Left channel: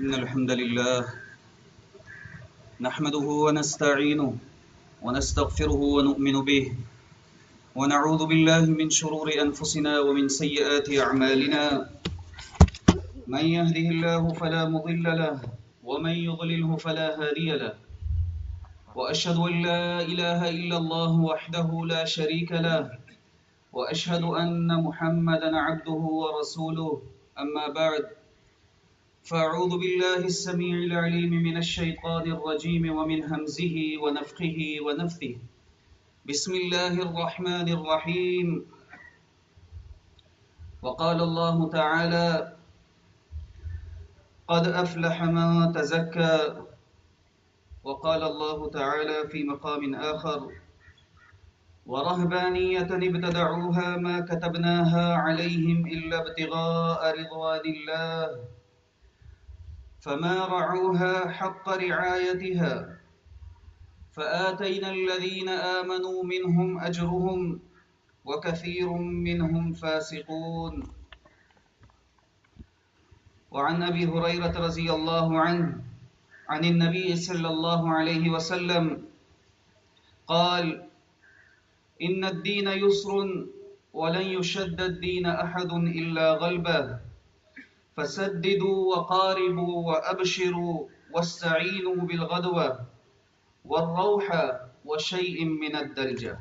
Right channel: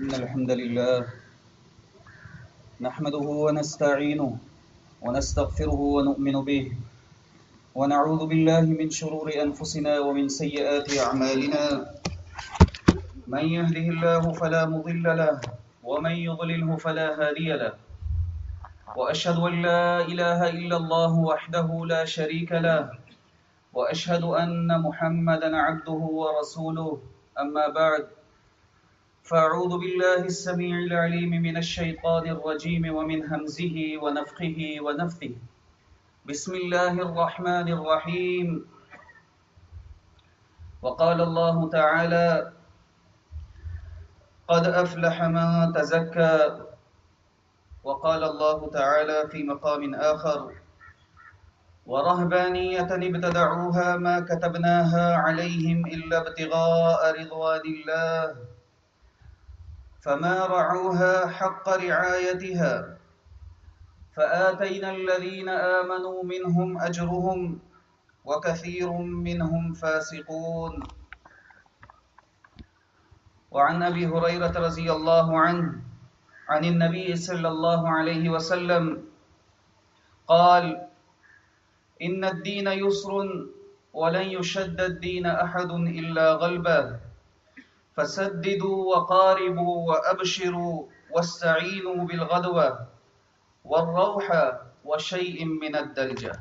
إن الحمد لله نحمده ونستعينه ونستغفره ونؤمن به ونعوذ بالله من شرور أنفسنا ومن سيئات أعمالنا من يهده الله فلا مضل له ومن يضلله فلا هادي له وأشهد أن لا إله إلا الله وحده لا شريك له وأشهد أن محمدا عبده ورسوله أما بعد فأعوذ بالله السميع العليم من الشيطان الرجيم ومن همزه ونفخه ونفثه بسم الله الرحمن الرحيم وقال الله تعالى قد أفلح من تزكى وقال الله تعالى في مقام آخر ورهبانية ابتدعوها ما كتبناها عليهم إلا ابتغاء رضوان الله فما رعوها حق رعايتها فآتينا الذين آمنوا منهم أجرهم وكثير منهم فاسقون وعن أبي هريرة رضي الله عنه عن النبي صلى الله عليه وسلم قال إن الدين يسر ولن يشد الدين أحد إلا غلبه فسددوا وقاربوا وأبشروا واستعينوا بالغدوة والروحة وشيء من الدلجة۔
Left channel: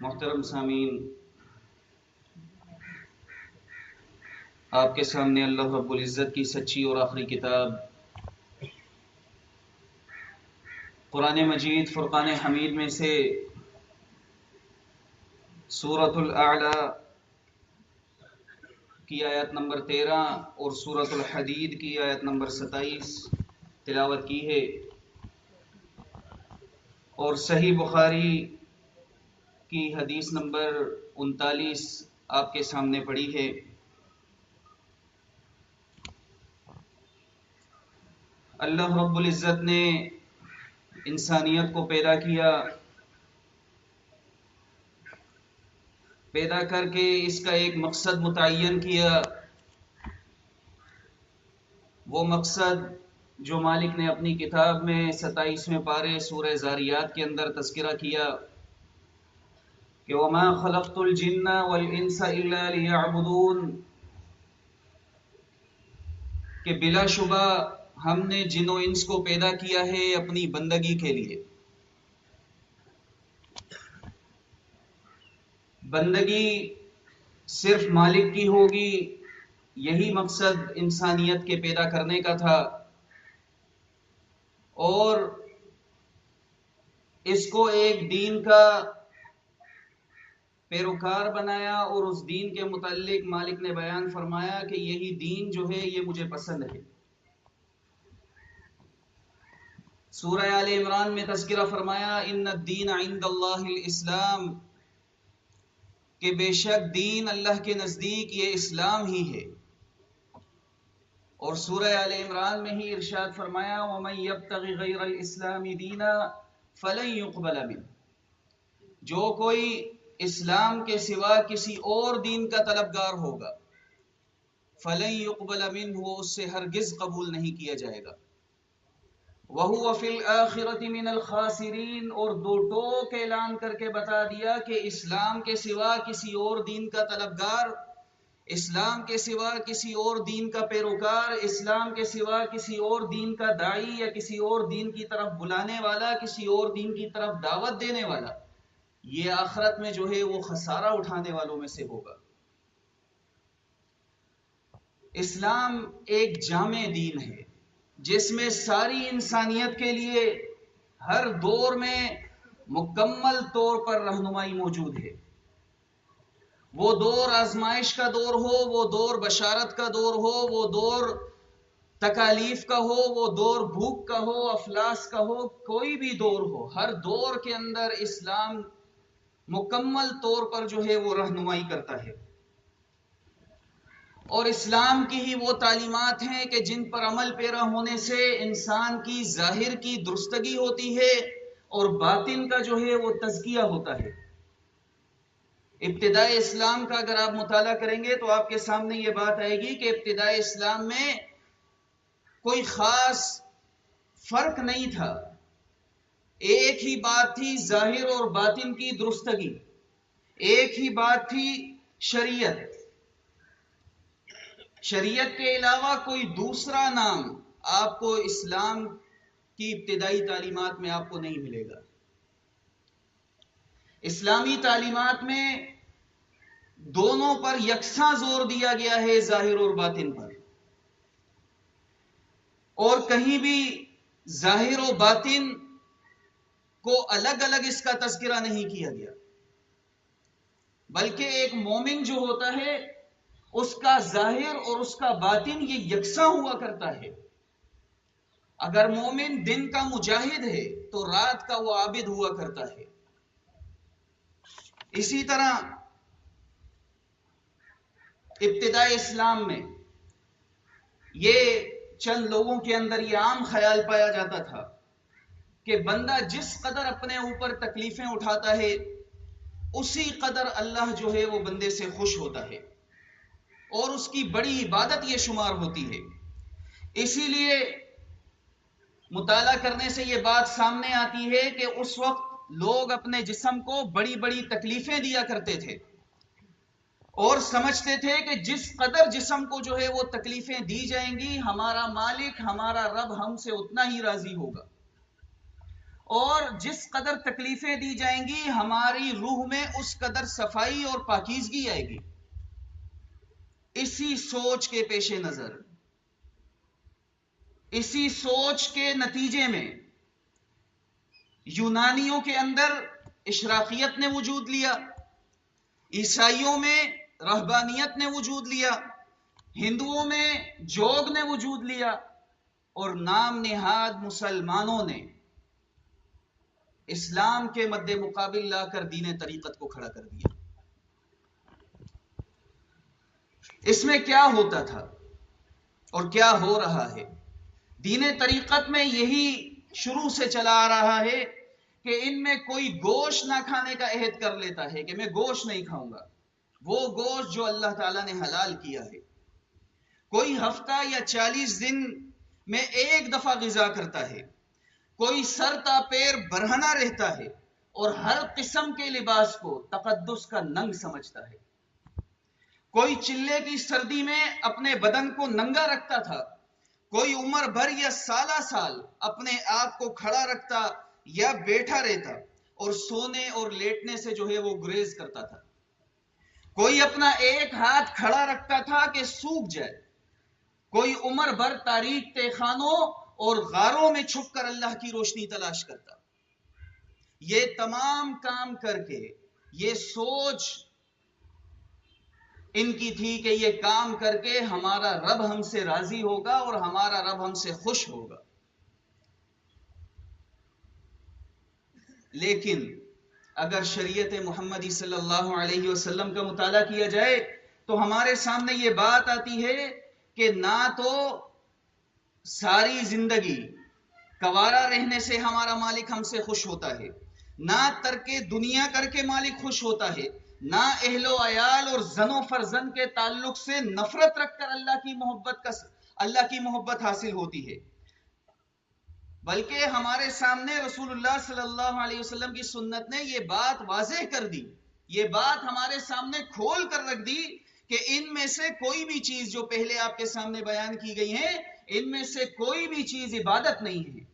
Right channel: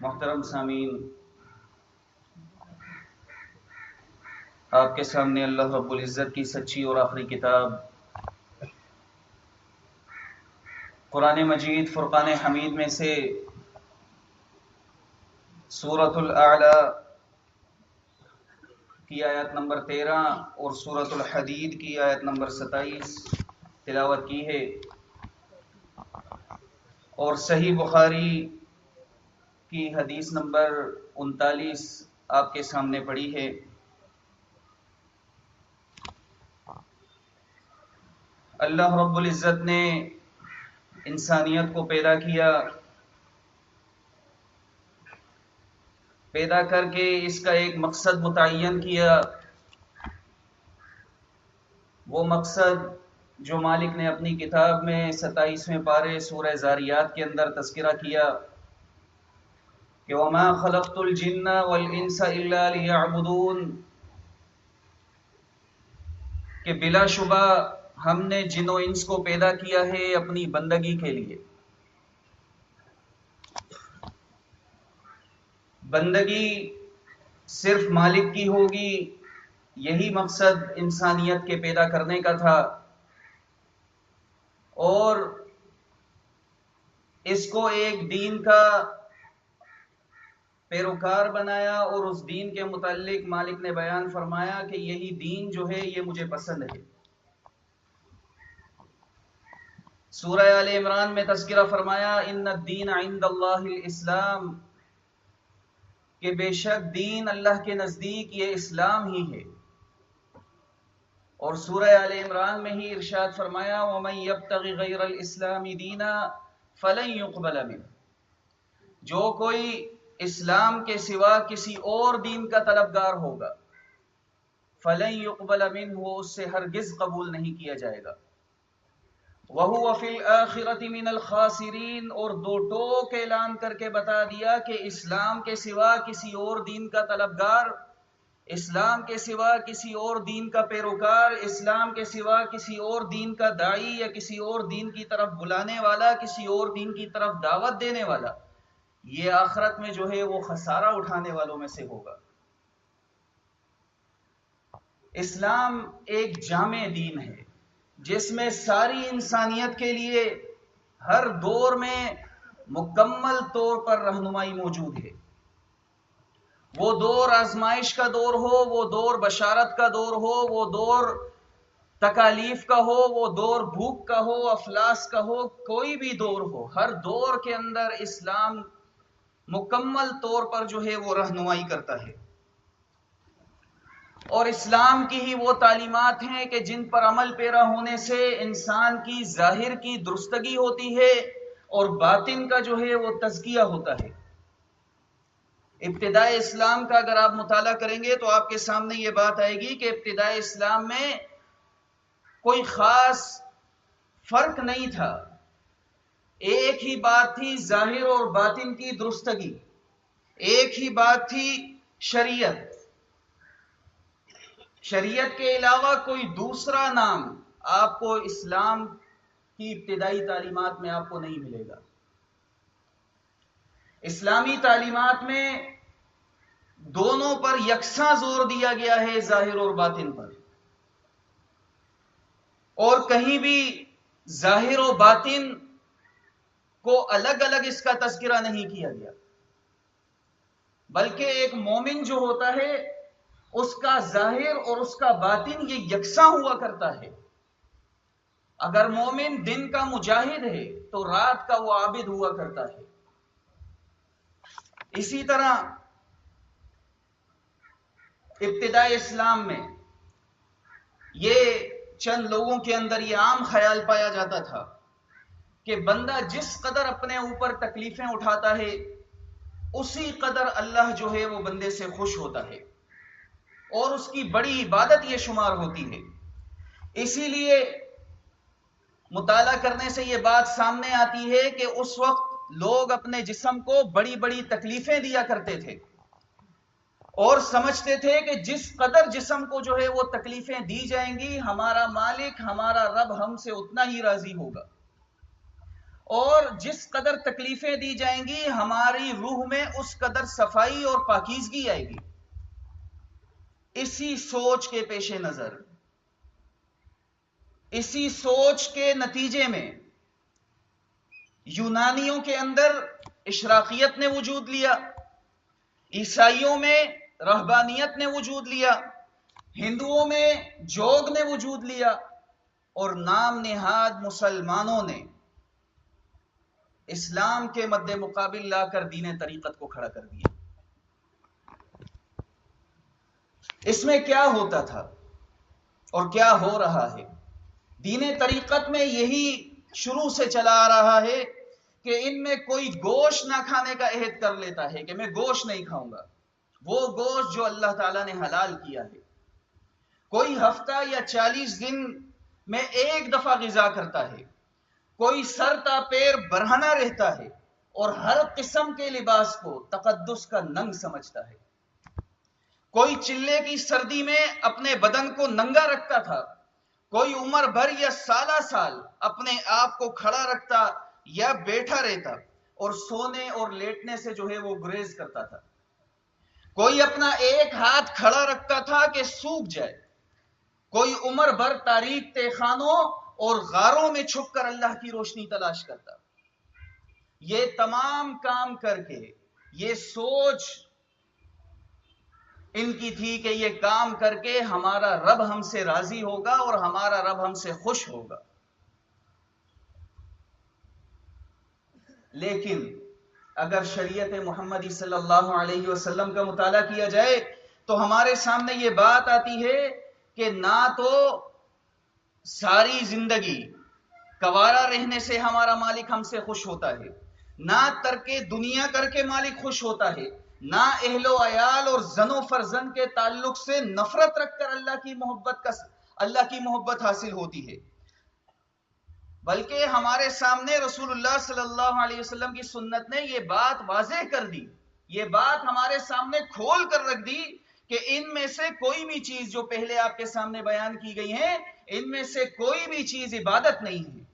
محترم سامعین، آپ کے سامنے اللہ رب العزت کی سچی اور آخری کتاب قرآن مجید فرقان حمید میں سے سورۃ الاعلی کی آیت نمبر 13 اور سورۃ الحدید کی آیت نمبر 27 تلاوت کی ہے، اور صحیح بخاری کی حدیث نمبر 39 آپ کے سامنے پڑھی ہے۔ اللہ رب العزت نے انسانیت کو پیدا کیا، پیدا کر کے اس کا ایک مقصد متعین کیا، وہ مقصد جو مالک نے اپنی کتاب میں 27ویں پارے سورہ ذاریات کے اندر تذکرہ کیا کہ وَمَا خَلَقْتُ الْجِنَّ وَالْإِنسَ إِلَّا لِيَعْبُدُونَ، کہ بلا شبہ ہم نے جن و انس کو پیدا کیا ہے اپنی بندگی کے لیے۔ بندگی صرف مالک کی ہوگی، یہی مقصد انسانیت کے پیدا کرنے کا تھا، اور اس کو ایک دین کا پیروکار بنایا، اور اس دین کے متعلق مالک نے بیان فرمایا کہ یہی دین جو ہے یہ مجھے پسند ہے۔ سورہ آل عمران میں تذکرہ فرمایا ان الدین عند اللہ الاسلام، کہ بے شک دین اللہ کے نزدیک یہ اسلام ہی ہے۔ اور سورہ آل عمران میں ہی ارشاد فرمایا وَمَن يَبْتَغِ غَيْرَ الْإِسْلَامِ دِينًا فَلَن يُقْبَلَ مِنْهُ، جو کوئی اسلام کے سوا کسی اور دین کا طلبگار ہوگا فَلَن يُقْبَلَ مِنْهُ، اس سے ہرگز قبول نہیں کیا جائے گا۔ وَهُوَ فِي الْآخِرَةِ مِنَ الْخَاسِرِينَ، اور دو ٹوک اعلان کر کے بتا دیا کہ اسلام کے سوا کسی اور دین کا طلبگار، اسلام کے سوا کسی اور دین کا پیروکار، اسلام کے سوا کسی اور دین کا داعی یا کسی اور دین کی طرف بلانے والا، کسی اور دین کی طرف دعوت دینے والا، یہ آخرت میں جو ہے وہ خسارہ اٹھانے والوں میں سے ہوگا۔ اسلام ایک جامع دین ہے جس میں ساری انسانیت کے لیے ہر دور میں مکمل طور پر رہنمائی موجود ہے۔ وہ دور آزمائش کا دور ہو، وہ دور بشارت کا دور ہو، وہ دور تکالیف کا ہو، وہ دور بھوک کا ہو، افلاس کا ہو، کوئی بھی دور ہو، ہر دور کے اندر اسلام مکمل طور پر جو ہے وہ رہنمائی کرتا ہے۔ اور اسلام کی ہی وہ تعلیمات ہیں کہ جن پر عمل پیرا ہونے سے انسان کی ظاہر کی درستگی ہوتی ہے اور باطن کا جو ہے وہ تزکیہ ہوتا ہے۔ ابتدائے اسلام کا اگر آپ مطالعہ کریں گے تو آپ کے سامنے یہ بات آئے گی کہ ابتدائے اسلام میں کوئی خاص فرق نہیں تھا، ایک ہی بات تھی ظاہر اور باطن کی درستگی، ایک ہی بات تھی شریعت۔ شریعت کے علاوہ کوئی دوسرا نام آپ کو اسلام کی ابتدائی تعلیمات میں آپ کو نہیں ملے گا۔ اسلامی تعلیمات میں دونوں پر یکساں زور دیا گیا ہے، ظاہر اور باطن پر، اور کہیں بھی ظاہر و باطن کو الگ الگ اس کا تذکرہ نہیں کیا گیا، بلکہ ایک مومن جو ہوتا ہے اس کا ظاہر اور اس کا باطن یہ یکساں ہوا کرتا ہے۔ اگر مومن دن کا مجاہد ہے تو رات کا وہ عابد ہوا کرتا ہے۔ اسی طرح ابتدائی اسلام میں یہ چند لوگوں کے اندر یہ عام خیال پایا جاتا تھا کہ بندہ جس قدر اپنے اوپر تکلیفیں اٹھاتا ہے اسی قدر اللہ جو ہے وہ بندے سے خوش ہوتا ہے، اور اس کی بڑی عبادت یہ شمار ہوتی ہے۔ اسی لیے مطالعہ کرنے سے یہ بات سامنے آتی ہے کہ اس وقت لوگ اپنے جسم کو بڑی بڑی تکلیفیں دیا کرتے تھے اور سمجھتے تھے کہ جس قدر جسم کو جو ہے وہ تکلیفیں دی جائیں گی ہمارا مالک ہمارا رب ہم سے اتنا ہی راضی ہوگا، اور جس قدر تکلیفیں دی جائیں گی ہماری روح میں اس قدر صفائی اور پاکیزگی آئے گی۔ اسی سوچ کے پیش نظر، اسی سوچ کے نتیجے میں یونانیوں کے اندر اشراقیت نے وجود لیا، عیسائیوں میں رہبانیت نے وجود لیا، ہندوؤں میں جوگ نے وجود لیا، اور نام نہاد مسلمانوں نے اسلام کے مد مقابل لا کر دین طریقت کو کھڑا کر دیا۔ اس میں کیا ہوتا تھا اور کیا ہو رہا ہے؟ دین طریقت میں یہی شروع سے چلا آ رہا ہے کہ ان میں کوئی گوشت نہ کھانے کا عہد کر لیتا ہے کہ میں گوشت نہیں کھاؤں گا، وہ گوشت جو اللہ تعالیٰ نے حلال کیا ہے۔ کوئی ہفتہ یا 40 دن میں ایک دفعہ غذا کرتا ہے، کوئی سر تا پیر برہنہ رہتا ہے اور ہر قسم کے لباس کو تقدس کا ننگ سمجھتا ہے۔ کوئی چلے کی سردی میں اپنے بدن کو ننگا رکھتا تھا، کوئی عمر بھر یا سالہ سال اپنے آپ کو کھڑا رکھتا یا بیٹھا رہتا اور سونے اور لیٹنے سے جو ہے وہ گریز کرتا تھا۔ کوئی اپنا ایک ہاتھ کھڑا رکھتا تھا کہ سوکھ جائے، کوئی عمر بھر تاریک تہخانوں اور غاروں میں چھپ کر اللہ کی روشنی تلاش کرتا۔ یہ تمام کام کر کے یہ سوچ ان کی تھی کہ یہ کام کر کے ہمارا رب ہم سے راضی ہوگا اور ہمارا رب ہم سے خوش ہوگا۔ لیکن اگر شریعت محمدی صلی اللہ علیہ وسلم کا مطالعہ کیا جائے تو ہمارے سامنے یہ بات آتی ہے کہ نہ تو ساری زندگی کوارا رہنے سے ہمارا مالک ہم سے خوش ہوتا ہے، نہ ترک دنیا کر کے مالک خوش ہوتا ہے، نہ اہل و عیال اور زن و فرزند کے تعلق سے نفرت رکھ کر اللہ کی محبت حاصل ہوتی ہے، بلکہ ہمارے سامنے رسول اللہ صلی اللہ علیہ وسلم کی سنت نے یہ بات واضح کر دی، یہ بات ہمارے سامنے کھول کر رکھ دی کہ ان میں سے کوئی بھی چیز جو پہلے آپ کے سامنے بیان کی گئی ہیں ان میں سے کوئی بھی چیز عبادت نہیں ہے۔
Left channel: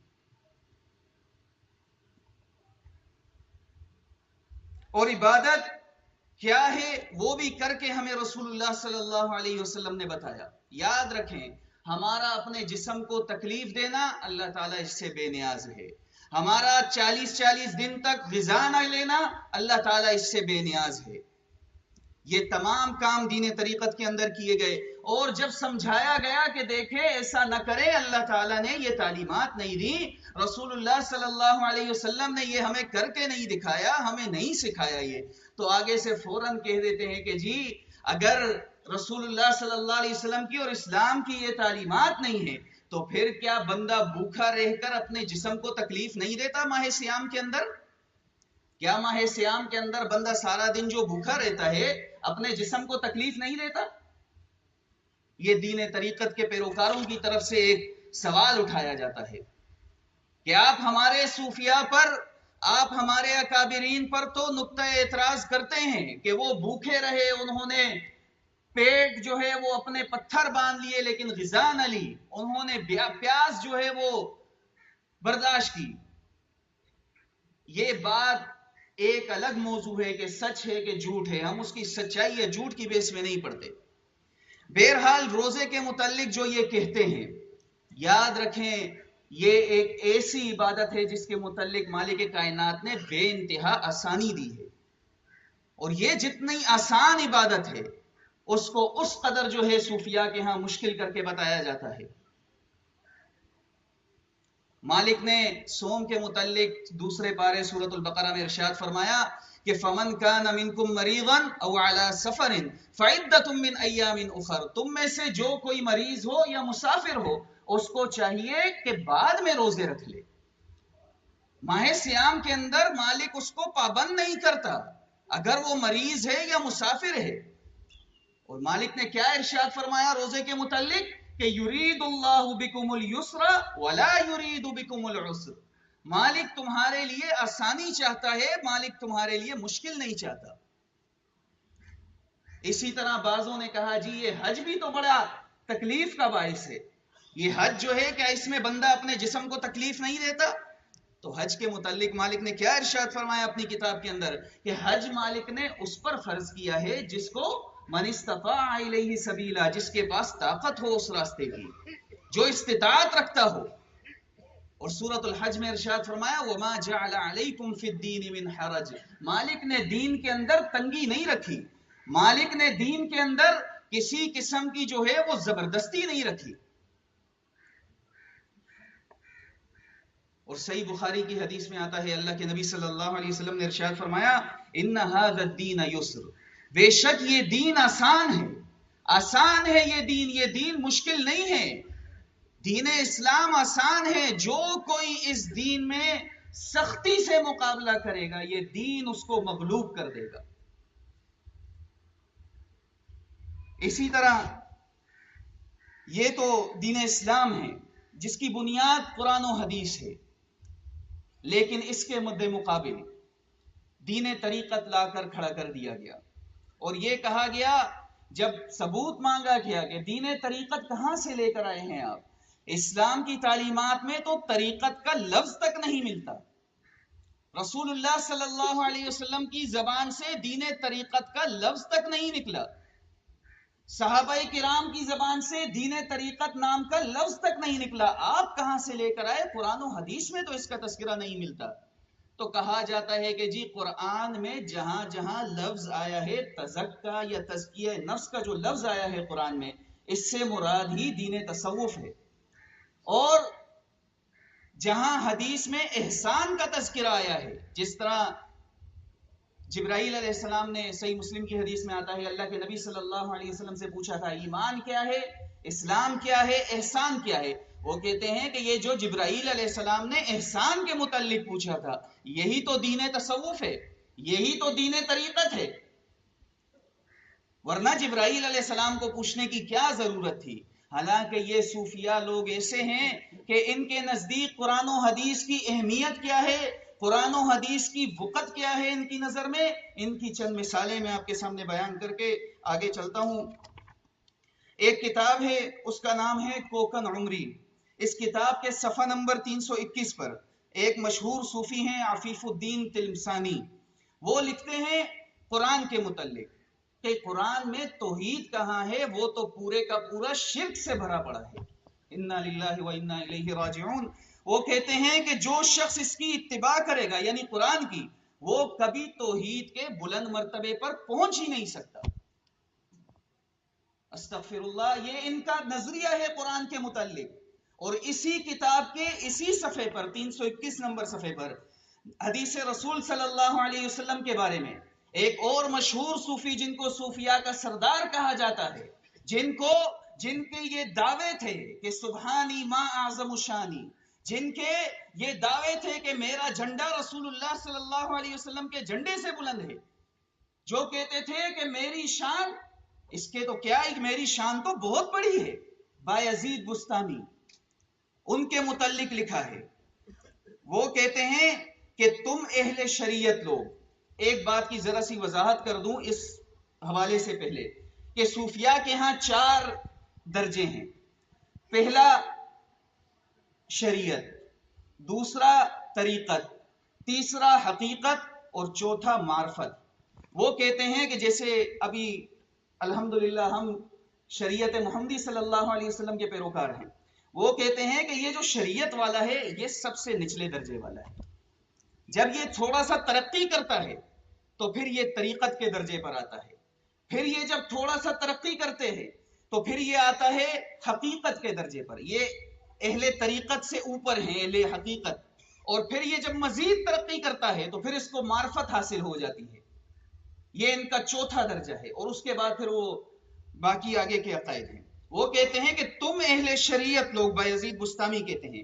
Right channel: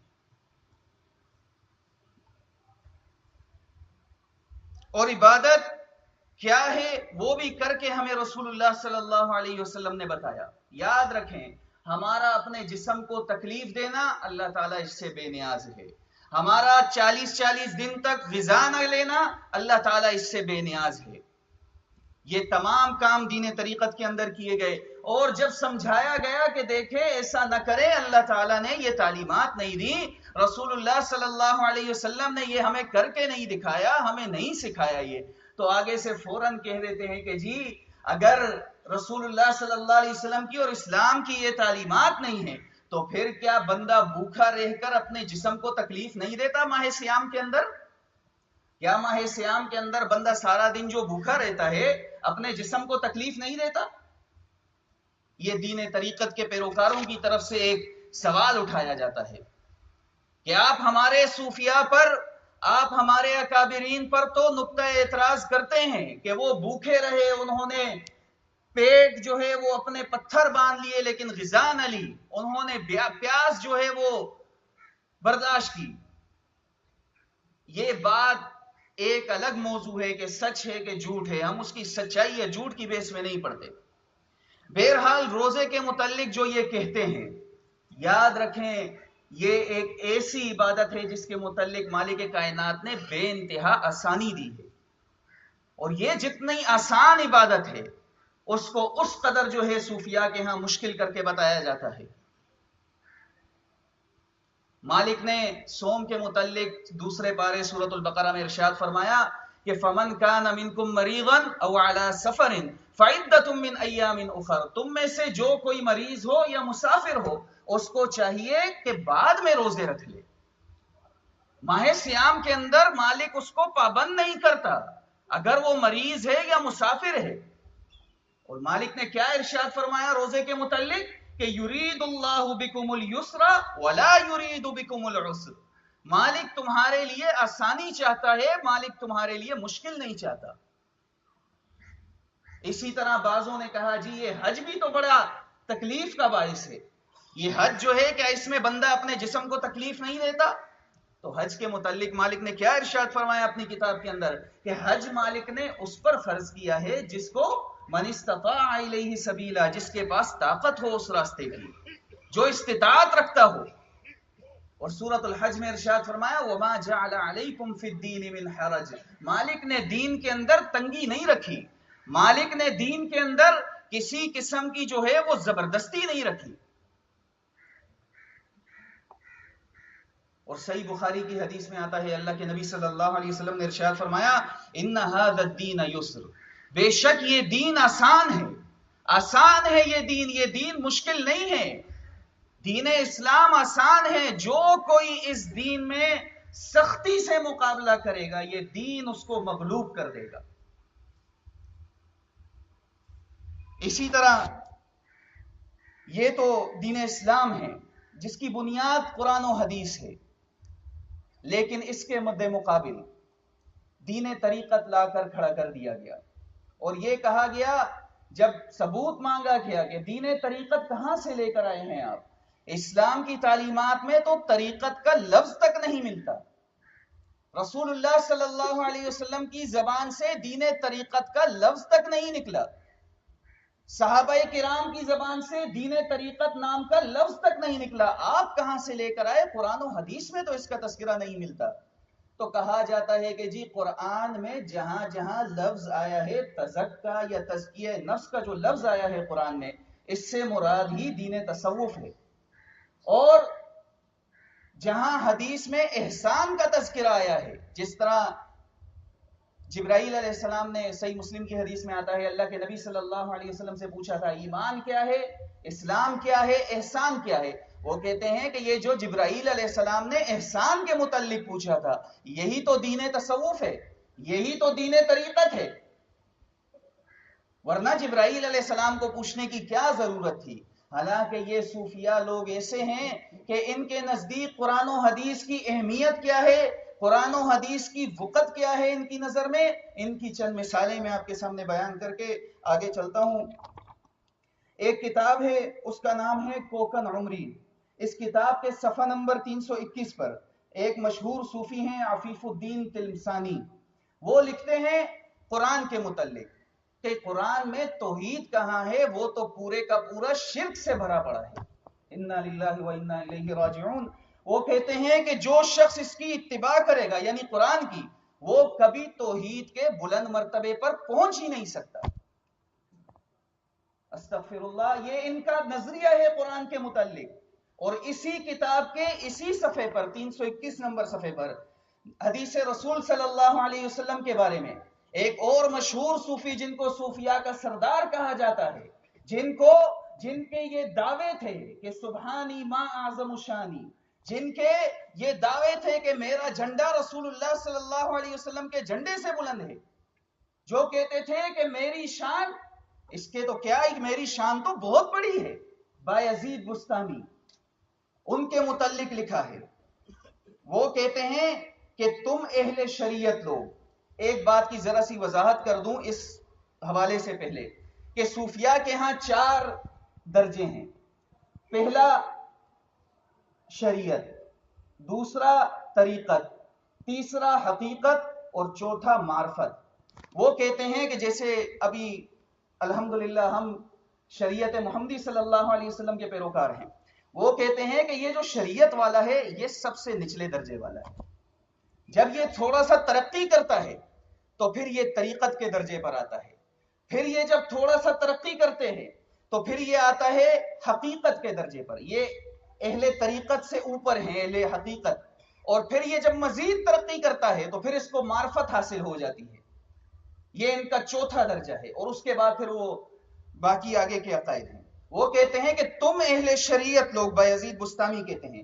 اور عبادت کیا ہے وہ بھی کر کے ہمیں رسول اللہ صلی اللہ علیہ وسلم نے بتایا۔ یاد رکھیں، ہمارا اپنے جسم کو تکلیف دینا اللہ تعالیٰ اس سے بے نیاز ہے، ہمارا 40 دن تک غذا نہ لینا اللہ تعالیٰ اس سے بے نیاز ہے۔ یہ تمام کام دین طریقت کے اندر کیے گئے، اور جب سمجھایا گیا کہ دیکھیں ایسا نہ کرے، اللہ تعالیٰ نے یہ تعلیمات نہیں دی، رسول اللہ صلی اللہ علیہ وسلم نے یہ ہمیں کر کے نہیں دکھایا، ہمیں نہیں سکھایا، یہ تو آگے سے فوراً کہہ دیتے ہیں کہ جی اگر رسول اللہ صلی اللہ علیہ وسلم کی اور اسلام کی یہ تعلیمات نہیں ہیں تو پھر کیا بندہ بھوکا رہ کر اپنے جسم کو تکلیف نہیں دیتا ماہ سیام کے اندر؟ کیا ماہ سیام کے اندر بندہ سارا دن جو بھوکا رہتا ہے اپنے جسم کو تکلیف نہیں دیتا؟ یہ دین طریقت کے پیروکاروں کی طرف سے ایک سوال اٹھایا جاتا ہے کہ آپ ہمارے صوفیاء پر، آپ ہمارے اکابرین پر تو نقطہ اعتراض کرتے ہیں کہ وہ بھوکے رہے، انہوں نے پیٹ جو ہے وہ اپنے پتھر باندھ لیے لیکن غذا نہ لی، انہوں نے پیاس جو ہے وہ برداشت کی۔ یہ بات ایک الگ موضوع ہے کہ سچ ہے کہ جھوٹ ہے، ہم اس کی سچائی یا جھوٹ کی بیس میں نہیں پڑھتے۔ بہرحال روزے کے متعلق جو یہ کہتے ہیں، یاد رکھیں یہ ایک ایسی عبادت ہے جس کے متعلق مالک کائنات نے بے انتہا آسانی دی ہے، اور یہ جتنی آسان عبادت ہے اس کو اس قدر جو ہے صوفیاء کے ہاں مشکل کر کے بتایا جاتا ہے۔ مالک نے صوم کے متعلق دوسرے پارے سورۃ البقرہ میں ارشاد فرمایا کہ فَمَنْ كَانَ مِنْكُمْ مَرِيضًا أَوْ عَلَى سَفَرٍ فَعِدَّةٌ مِّنْ أَيَّامٍ أُخَرَ، تم میں سے جو کوئی مریض ہو یا مسافر ہو اس کو چاہیے کہ بعد میں روزے رکھ لے۔ ماہ سیام کے اندر مالک اس کو پابند نہیں کرتا اگر وہ مریض ہے یا مسافر ہے۔ اور مالک نے کیا ارشاد فرمایا روزے کے متعلق کہ یرید اللہ بکم اليسر ولا یرید بکم العسر، مالک تمہارے لیے آسانی چاہتا ہے، مالک تمہارے لیے مشکل نہیں چاہتا۔ اسی طرح بعضوں نے کہا جی یہ حج بھی تو بڑا تکلیف کا باعث ہے، یہ حج جو ہے کیا اس میں بندہ اپنے جسم کو تکلیف نہیں دیتا؟ تو حج کے متعلق مالک نے کیا ارشاد فرمایا اپنی کتاب کے اندر کہ حج مالک نے اس پر فرض کیا ہے جس کو من استطاع الیہ سبیلا، جس کے پاس طاقت ہو اس راستے کی، جو استطاعت رکھتا ہو۔ اور سورۃ الحج میں ارشاد فرمایا وما جعل علیکم فی الدین من حرج، مالک نے دین کے اندر تنگی نہیں رکھی، مالک نے دین کے اندر کسی قسم کی جو ہے وہ زبردستی نہیں رکھی۔ اور صحیح بخاری کی حدیث میں آتا ہے اللہ کے نبی صلی اللہ علیہ وسلم نے ارشاد فرمایا ان ھذا الدین یسر، بے شک یہ دین آسان ہے، آسان ہے یہ دین مشکل نہیں ہے، دین اسلام آسان ہے، جو کوئی اس دین میں سختی سے مقابلہ کرے گا یہ دین اس کو مغلوب کر دے گا۔ اسی طرح یہ تو دین اسلام ہے جس کی بنیاد قرآن و حدیث ہے، لیکن اس کے مد مقابل دین طریقت لا کر کھڑا کر دیا گیا، اور یہ کہا گیا جب ثبوت مانگا گیا کہ دین طریقت کہاں سے لے کر آئے ہیں آپ، اسلام کی تعلیمات میں تو طریقت کا لفظ تک نہیں ملتا، رسول اللہ صلی اللہ علیہ وسلم کی زبان سے دین طریقت کا لفظ تک نہیں نکلا، صحابہ کرام کی زبان سے دین طریقت نام کا لفظ تک نہیں نکلا، آپ کہاں سے لے کر آئے؟ قرآن و حدیث میں تو اس کا تذکرہ نہیں ملتا۔ تو کہا جاتا ہے کہ جی قرآن میں جہاں جہاں لفظ آیا ہے تزکیہ یا تزکیہ نفس کا جو لفظ آیا ہے قرآن میں، اس سے مراد ہی دین تصوف ہے، اور جہاں حدیث میں احسان کا تذکرہ آیا ہے، جس طرح جبرائیل علیہ السلام نے صحیح مسلم کی حدیث میں آتا ہے اللہ کے نبی صلی اللہ علیہ وسلم سے پوچھا تھا ایمان کیا ہے، اسلام کیا ہے، احسان کیا ہے؟ وہ کہتے ہیں کہ یہ جو جبرائیل علیہ السلام نے احسان کے متعلق پوچھا تھا یہی تو دین تصوف ہے، یہی تو دین طریقت ہے، ورنہ جبرائیل علیہ السلام کو پوچھنے کی کیا ضرورت تھی؟ حالانکہ یہ صوفیاء لوگ ایسے ہیں کہ ان کے نزدیک قرآن و حدیث کی اہمیت کیا ہے، قرآن و حدیث کی وقت کیا ہے ان کی نظر میں، ان کی چند مثالیں میں آپ کے سامنے بیان کر کے آگے چلتا ہوں۔ ایک کتاب ہے اس کا نام ہے کوکن عمری، اس کتاب کے صفحہ نمبر 321 پر ایک مشہور صوفی ہیں عفیف الدین تلمسانی، وہ لکھتے ہیں قرآن کے متعلق کہ قرآن میں توحید کہاں ہے، وہ تو پورے کا پورا شرک سے بھرا پڑا ہے، انا للہ و انا الیہ راجعون۔ وہ کہتے ہیں کہ جو شخص اس کی اتباع کرے گا یعنی قرآن کی، وہ کبھی توحید کے بلند مرتبے پر پہنچ ہی نہیں سکتا۔ استغفر اللہ، یہ ان کا نظریہ ہے قرآن کے متعلق۔ اور اسی کتاب کے اسی صفحے پر 321 نمبر صفحے پر حدیث رسول صلی اللہ علیہ وسلم کے بارے میں ایک اور مشہور صوفی جن کو صوفیاء کا سردار کہا جاتا ہے، جن کے یہ دعوے تھے کہ سبحانی ما اعظم شانی، جن کے یہ دعوے تھے کہ میرا جھنڈا رسول اللہ صلی اللہ علیہ وسلم کے جھنڈے سے بلند ہے، جو کہتے تھے کہ میری شان، اس کے تو کیا ہے، میری شان تو بہت بڑی ہے. بایزید بستامی ان کے متعلق لکھا ہے، وہ کہتے ہیں کہ تم اہل شریعت لوگ، ایک بات کی ذرا سی وضاحت کر دوں اس حوالے سے پہلے، کہ صوفیاء کے ہاں 4 درجے ہیں. پہلا شریعت، دوسرا طریقت، تیسرا حقیقت، اور چوتھا معرفت. وہ کہتے ہیں کہ جیسے ابھی الحمدللہ ہم شریعت محمدی صلی اللہ علیہ وسلم کے پیروکار ہیں، وہ کہتے ہیں کہ یہ جو شریعت والا ہے یہ سب سے نچلے درجے والا ہے. جب یہ تھوڑا سا ترقی کرتا ہے تو پھر یہ طریقت کے درجے پر آتا ہے، پھر یہ جب تھوڑا سا ترقی کرتے ہیں تو پھر یہ آتا ہے حقیقت کے درجے پر. یہ اہل طریقت سے اوپر ہیں، اہل حقیقت. اور پھر یہ جب مزید ترقی کرتا ہے تو پھر اس کو معرفت حاصل ہو جاتی ہے. یہ ان کا چوتھا درجہ ہے، اور اس کے بعد پھر وہ باقی آگے کے عقائد ہیں. وہ کہتے ہیں کہ تم اہل شریعت لوگ، بایزید بستامی کہتے ہیں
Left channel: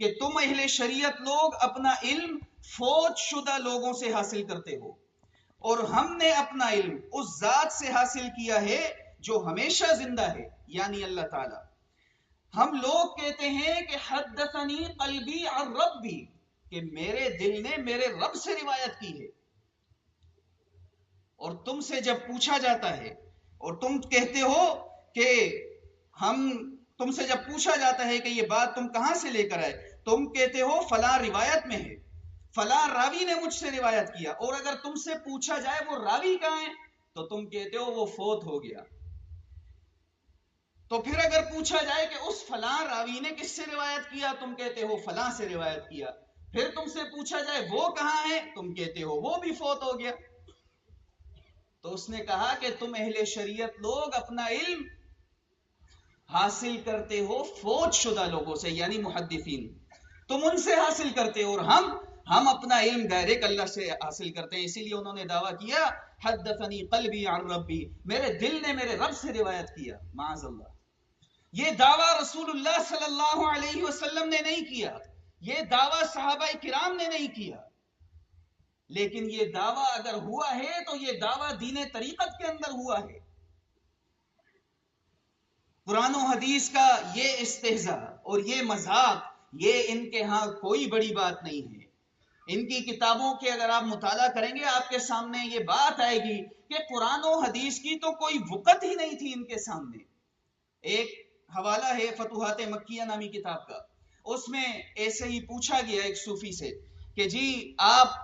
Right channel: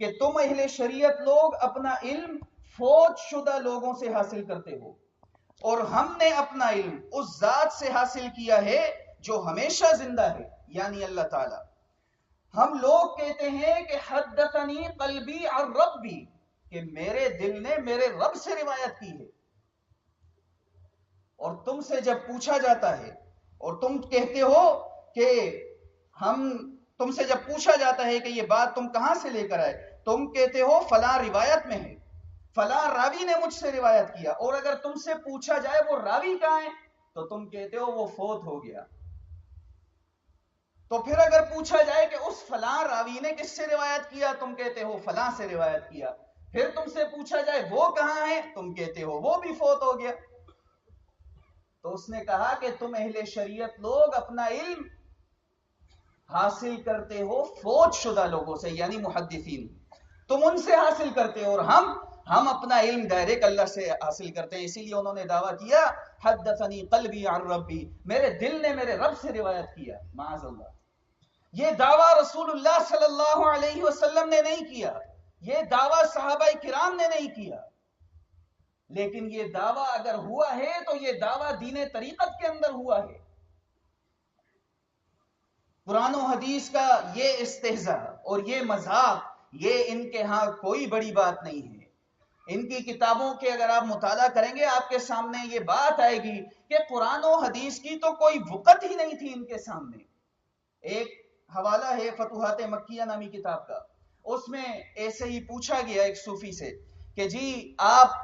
کہ تم اہل شریعت لوگ اپنا علم فوت شدہ لوگوں سے حاصل کرتے ہو، اور ہم نے اپنا علم اس ذات سے حاصل کیا ہے جو ہمیشہ زندہ ہے، یعنی اللہ تعالی. ہم لوگ کہتے ہیں کہ حدثنی قلبی عن ربی، کہ میرے دل نے میرے رب سے روایت کی ہے. اور تم سے جب پوچھا جاتا ہے اور تم کہتے ہو کہ تم سے جب پوچھا جاتا ہے کہ یہ بات تم کہاں سے لے کر آئے، تم کہتے ہو فلاں روایت میں ہے، فلاں راوی نے مجھ سے روایت کیا. اور اگر تم سے پوچھا جائے وہ راوی کہاں ہے تو تم کہتے ہو وہ فوت ہو گیا. تو پھر اگر پوچھا جائے کہ اس فلاں راوی نے کس سے روایت کیا، تم کہتے ہو فلاں سے روایت کیا. پھر تم سے پوچھا جائے وہ کہاں ہے، تم کہتے ہو وہ بھی فوت ہو گیا. تو اس نے کہا کہ تم اہل شریعت لوگ اپنا علم حاصل کرتے ہو فوت شدہ لوگوں سے، یعنی محدثین. تم ان سے حاصل کرتے ہو، اور ہم اپنا علم ڈائریکٹ اللہ سے حاصل کرتے ہیں. اسی لیے انہوں نے دعویٰ کیا حدثنی قلبی عن ربی، میرے دل نے میرے رب سے روایت کیا. معاذ اللہ، یہ دعویٰ رسول اللہ صلی اللہ علیہ وسلم نے نہیں کیا، یہ دعویٰ صحابہ کرام نے نہیں کیا. لیکن یہ دعویٰ اگر ہوا ہے تو یہ دعویٰ دین طریقت کے اندر ہوا ہے. قرآن و حدیث کا یہ استہزاء اور یہ مذاق، یہ ان کے ہاں کوئی بڑی بات نہیں ہے. ان کی کتابوں کے اگر آپ مطالعہ کریں گے آپ کے سامنے یہ بات آئے گی کہ قرآن و حدیث کی تو کوئی وقت ہی نہیں تھی ان کے سامنے. ایک حوالہ ہے فتوحات مکیہ نامی کتاب کا، اس میں ایسے ہی پوچھا گیا ایک صوفی سے کہ جی آپ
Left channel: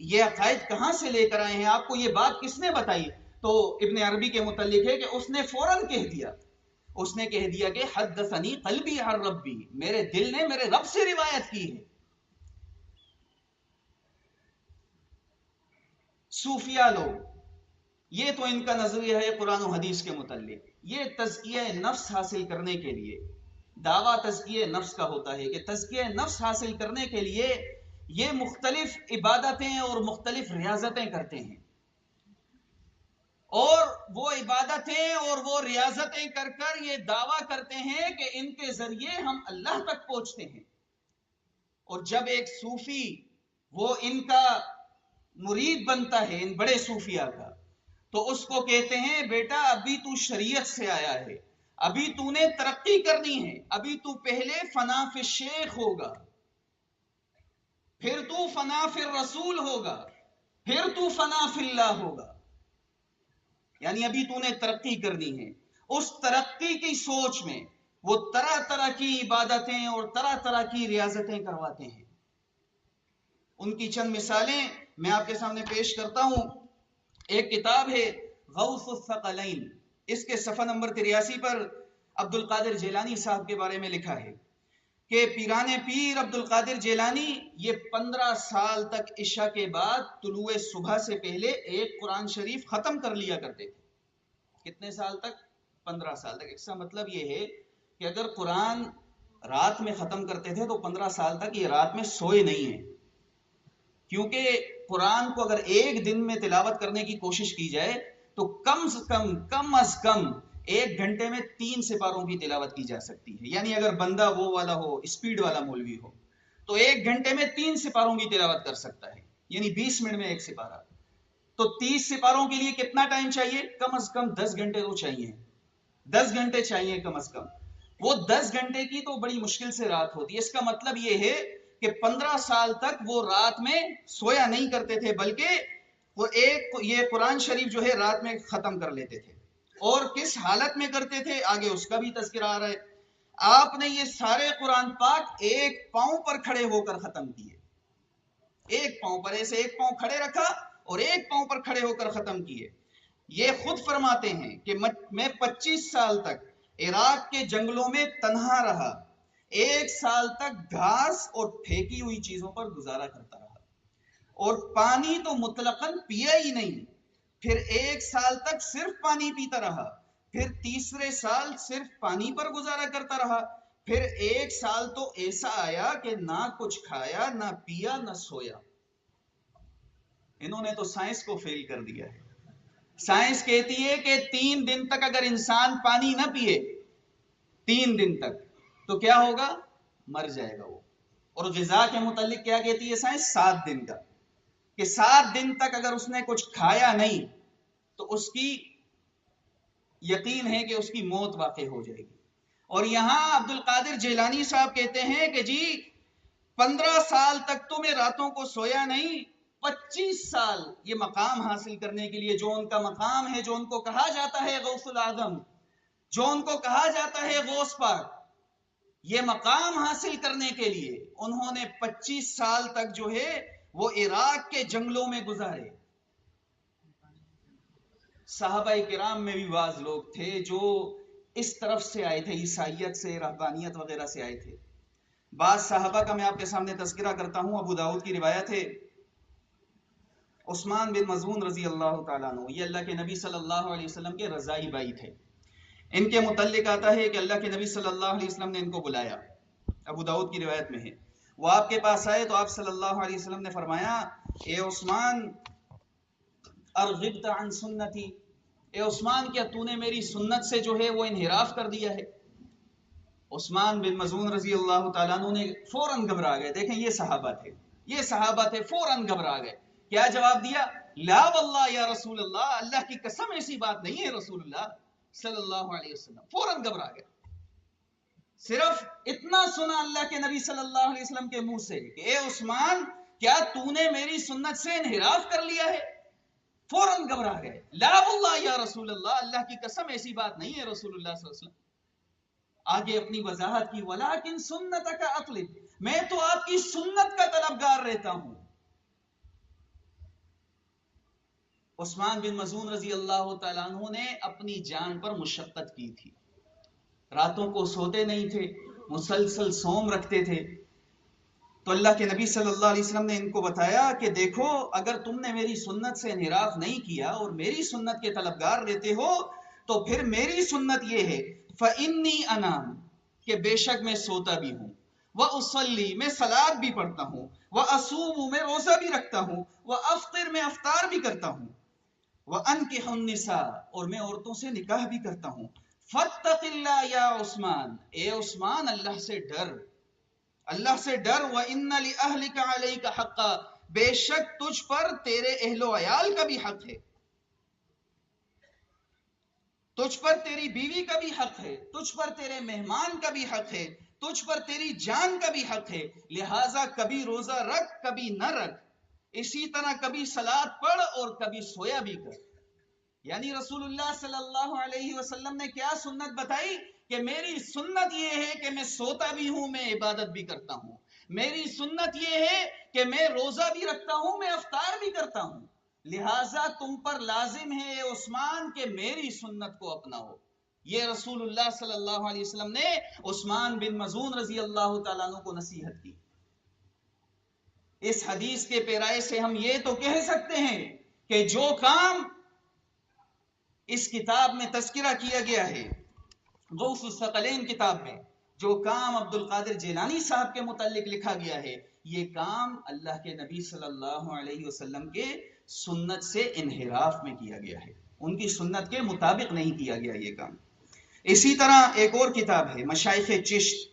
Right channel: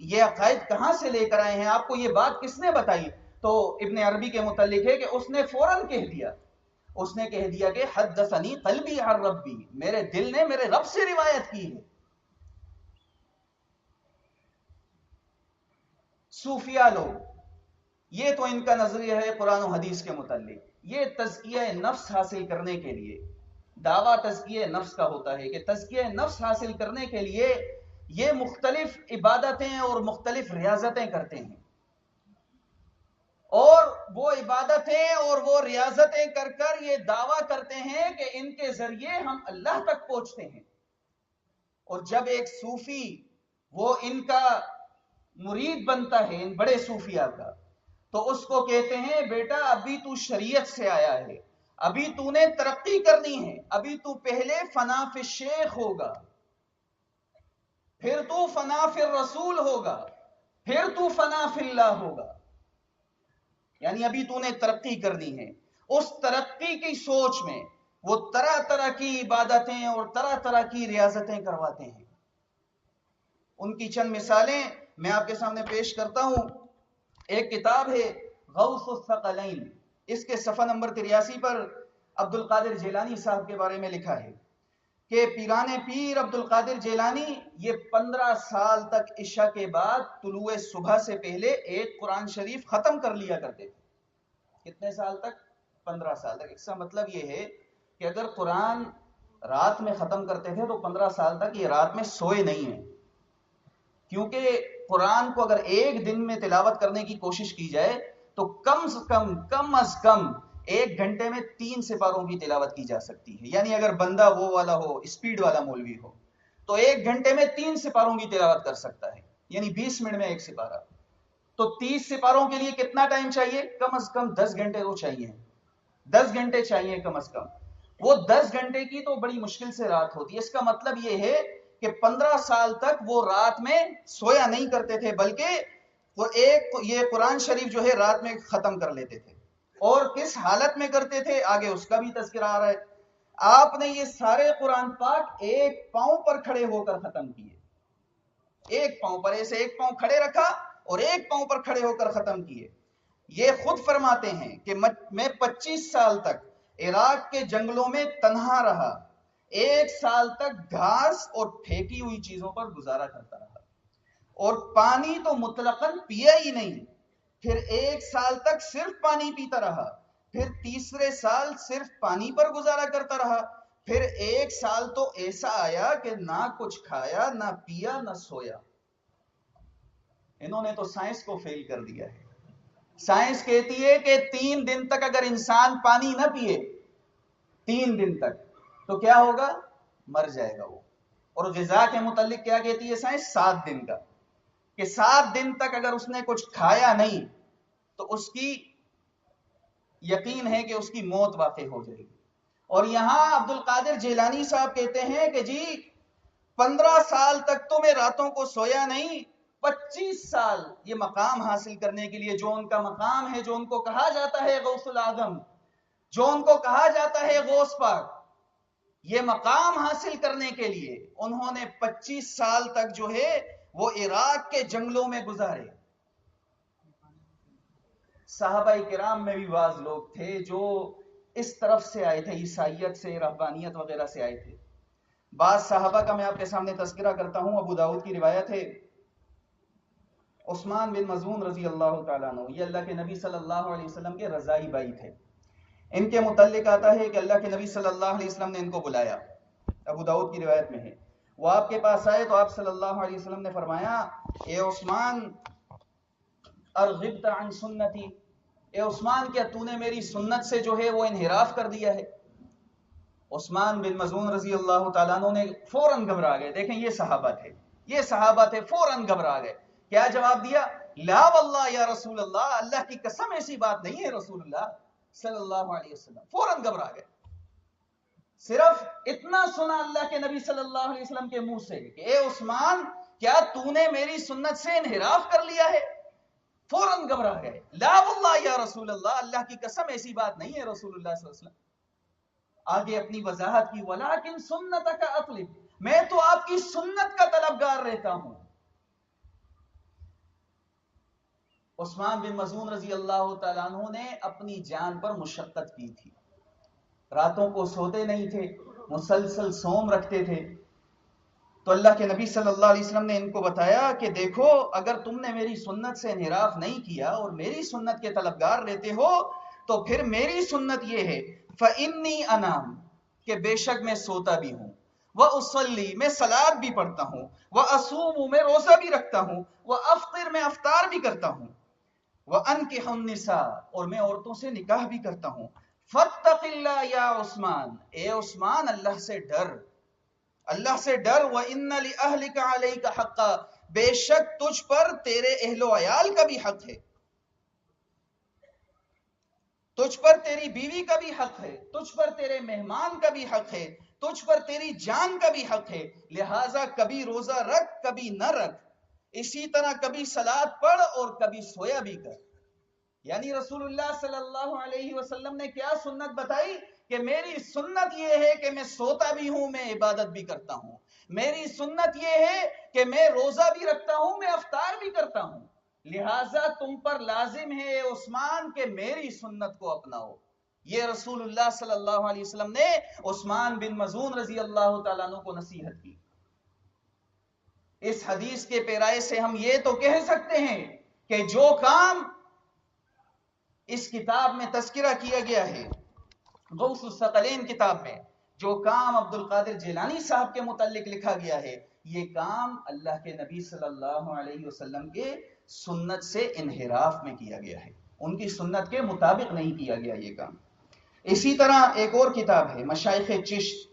یہ عقائد کہاں سے لے کر آئے ہیں، آپ کو یہ بات کس نے بتائی؟ تو ابن عربی کے متعلق ہے کہ اس نے فوراً کہہ دیا، اس نے کہہ دیا کہ حدثنی قلبی عن ربی، میرے دل نے میرے رب سے روایت کی ہے. صوفیاء لوگ، یہ تو ان کا نظریہ ہے قرآن و حدیث کے متعلق. یہ تزکیہ نفس حاصل کرنے کے لیے دعویٰ تزکیہ نفس کا ہوتا ہے کہ تزکیہ نفس حاصل کرنے کے لیے یہ مختلف عبادتیں اور مختلف ریاضتیں کرتے ہیں، اور وہ عبادتیں اور وہ ریاضتیں کر کر یہ دعویٰ کرتے ہیں کہ ان کے ذریعے ہم اللہ تک پہنچتے ہیں. اور جب ایک صوفی وہ ان کا مرید بنتا ہے، ان بڑے صوفیاء کا، تو اس کو کہتے ہیں بیٹا ابھی تو شریعت سے آیا ہے، ابھی تو نے ترقی کرنی ہے، ابھی تو پہلے فنا فی الشیخ ہوگا، پھر تو فنا فی الرسول ہوگا، پھر تو فنا فی اللہ ہوگا. یعنی ابھی تو نے ترقی کرنی ہے. اس ترقی کی سوچ میں وہ طرح طرح کی عبادتیں اور طرح طرح کی ریاضتیں کرواتے ہیں. ان کی چند مثالیں میں آپ کے سامنے پیش کرتا ہوں. ایک کتاب ہے غوث الثقلین، اس کے صفحہ نمبر 83 پر عبد القادر جیلانی صاحب کے بارے میں لکھا ہے کہ پیران پیر عبد القادر جیلانی یہ 15 سال تک عشاء کے بعد طلوع صبح سے پہلے ایک قرآن شریف ختم کر لیا کرتے تھے. کتنے سال تک؟ 15 سال تک. اس کا مطلب یہ ہے کہ اگر قرآن رات میں ختم کرتے تھے تو 15 سال تک یہ رات میں سوئے نہیں ہیں، کیونکہ قرآن کو اگر ایک دن میں تلاوت کرنے کی کوشش کی جائے تو کم از کم 1 گھنٹے میں 3 سپاروں کی تلاوت کی جا سکتی ہے. یعنی اگر بندہ وہ والا ہو، اسپیڈ والا مولوی ہو. تو 1 گھنٹے میں 3 سپاروں کی تلاوت کر سکتا ہے، یعنی 20 منٹ میں 1 سپارہ. تو 30 سپاروں کے لیے کتنا ٹائم چاہیے؟ کم از کم 10 گھنٹے تو چاہیے، 10 گھنٹے چاہیے کم از کم. وہ 10 گھنٹے کی تو بڑی مشکل سے رات ہوتی ہے. اس کا مطلب یہ ہے کہ 15 سال تک وہ رات میں سویا نہیں کرتے تھے، بلکہ وہ یہ قرآن شریف جو ہے رات میں ختم کر لیتے تھے. اور کس حالت میں کرتے تھے آگے اس کا بھی تذکرہ آ رہا ہے. آپ نے یہ سارے قرآن پاک 1 پاؤں پر کھڑے ہو کر ختم کیے. 1 پاؤں پر، ایسے 1 پاؤں کھڑے رکھا اور 1 پاؤں پر کھڑے ہو کر ختم کیے. یہ خود فرماتے ہیں کہ میں 25 سال تک عراق کے جنگلوں میں تنہا رہا، 1 سال تک گھاس اور پھینکی ہوئی چیزوں پر گزارا کرتا رہا، اور پانی تو مطلقاً پیا ہی نہیں. پھر 1 سال تک صرف پانی پیتا رہا، پھر تیسرے سال صرف پانی پر گزارا کرتا رہا، پھر 1 سال تو ایسا آیا کہ نہ کچھ کھایا، نہ پیا، نہ سویا. انہوں نے تو سائنس کو فیل کر دیا ہے. سائنس کہتی ہے کہ 3 دن تک اگر انسان پانی نہ پیے 3 دن تک تو کیا ہوگا؟ مر جائے گا وہ. اور غذا کے متعلق کیا کہتی ہے سائنس؟ 7 دن کا، کہ 7 دن تک اگر اس نے کچھ کھایا نہیں تو اس کی یقین ہے کہ اس کی موت واقع ہو جائے گی. اور یہاں عبد القادر جیلانی صاحب کہتے ہیں کہ جی 15 سال تک تو میں راتوں کو سویا نہیں، 25 سال یہ مقام حاصل کرنے کے لیے، جو ان کا مقام ہے، جو ان کو کہا جاتا ہے غوث العظم، جو ان کو کہا جاتا ہے غوث پاک، یہ مقام حاصل کرنے کے لیے انہوں نے 25 سال تک جو ہے وہ عراق کے جنگلوں میں گزارے. صحابہ کرام میں بھی بعض لوگ تھے جو اس طرف سے آئے تھے، عیسائیت سے، رہبانیت وغیرہ سے آئے تھے. بعض صحابہ کا میں آپ کے سامنے تذکرہ کرتا ہوں. ابو داؤد کی روایت ہے، عثمان بن مظعون رضی اللہ تعالیٰ عنہ، یہ اللہ کے نبی صلی اللہ علیہ وسلم کے رضائی بھائی تھے. ان کے متعلق آتا ہے کہ اللہ کے نبی صلی اللہ علیہ وسلم نے ان کو بلایا. ابو داؤد کی روایت میں ہے، وہ آپ کے پاس آئے تو آپ صلی اللہ علیہ وسلم نے فرمایا، اے عثمان ارغبت عن سنتی، اے عثمان کیا تو نے میری سنت سے جو ہے وہ انحراف کر دیا ہے؟ عثمان بن مظعون رضی اللہ تعالیٰ عنہ نے فوراً گھبرا گئے. دیکھیں یہ صحابہ تھے، فوراً گھبرا گئے. کیا جواب دیا؟ لا واللہ یا رسول اللہ، اللہ کی قسم ایسی بات نہیں ہے رسول اللہ صلی اللہ علیہ وسلم. فوراً گھبرا گئے. صرف اتنا سنا اللہ کے نبی صلی اللہ علیہ وسلم کے منہ سے کہ اے عثمان کیا تو نے میری سنت سے انحراف کر لیا ہے؟ فوراً گھبرا گئے. لا واللہ یا رسول اللہ، اللہ کی قسم ایسی بات نہیں ہے رسول اللہ صلی اللہ علیہ وسلم. آگے اپنی وضاحت کی، ولیکن سنتک اطلب، میں تو آپ کی سنت کا طلبگار رہتا ہوں. عثمان بن مظعون رضی اللہ تعالیٰ عنہ نے اپنی جان پر مشقت کی تھی، راتوں کو سوتے نہیں تھے، مسلسل صوم رکھتے تھے. تو اللہ کے نبی صلی اللہ علیہ وسلم نے ان کو بتایا کہ دیکھو اگر تم نے میری سنت سے انحراف نہیں کیا اور میری سنت کے طلبگار رہتے ہو تو پھر میری سنت یہ ہے، فَإِنِّي أَنَامُ، کہ بے شک میں سوتا بھی ہوں، وَأُصَلِّي، میں صلاۃ بھی پڑھتا ہوں، وَأَصُومُ، میں روزہ بھی رکھتا ہوں، وَأَفْطِرُ، میں افطار بھی کرتا ہوں، وَأَنْكِحُ النِّسَاءَ، اور میں عورتوں سے نکاح بھی کرتا ہوں. فَاتَّقِ اللَّهَ یا عثمان، اے عثمان اللہ سے ڈر، اللہ سے ڈر. وَإِنَّ لِأَهْلِكَ عَلَيْكَ حَقًّا، بے شک تجھ پر تیرے اہل و عیال کا بھی حق ہے، تجھ پر تیری بیوی کا بھی حق ہے، تجھ پر تیرے مہمان کا بھی حق ہے، تجھ پر تیری جان کا بھی حق ہے. لہٰذا کبھی روزہ رکھ، کبھی نہ رکھ، اسی طرح کبھی صلاۃ پڑھ اور کبھی سویا بھی کر. یعنی رسول اللہ صلی اللہ علیہ وسلم نے کیا سنت بتائی کہ میری سنت یہ ہے کہ میں سوتا بھی ہوں، میں عبادت بھی کرتا ہوں. میری سنت یہ ہے کہ میں روزہ بھی رکھتا ہوں، میں افطار بھی کرتا ہوں. لہٰذا تم پر لازم ہے اے عثمان کہ میری سنت کو اپناؤ. یہ رسول اللہ صلی اللہ علیہ وسلم نے عثمان بن مظعون رضی اللہ تعالیٰ عنہ کو نصیحت کی. اس حدیث کے پیرائے سے ہم یہ تو کہہ سکتے ہیں کہ جو کام اس کتاب میں تذکرہ کیا گیا ہے، غوث الثقلین کتاب میں جو کام عبد القادر جیلانی صاحب کے متعلق لکھا گیا ہے، یہ کام اللہ کے نبی صلی اللہ علیہ وسلم کے سنت سے انحراف میں کیا گیا ہے، ان کی سنت کے مطابق نہیں کیا گیا یہ کام. اسی طرح ایک اور کتاب ہے مشائخ چشت،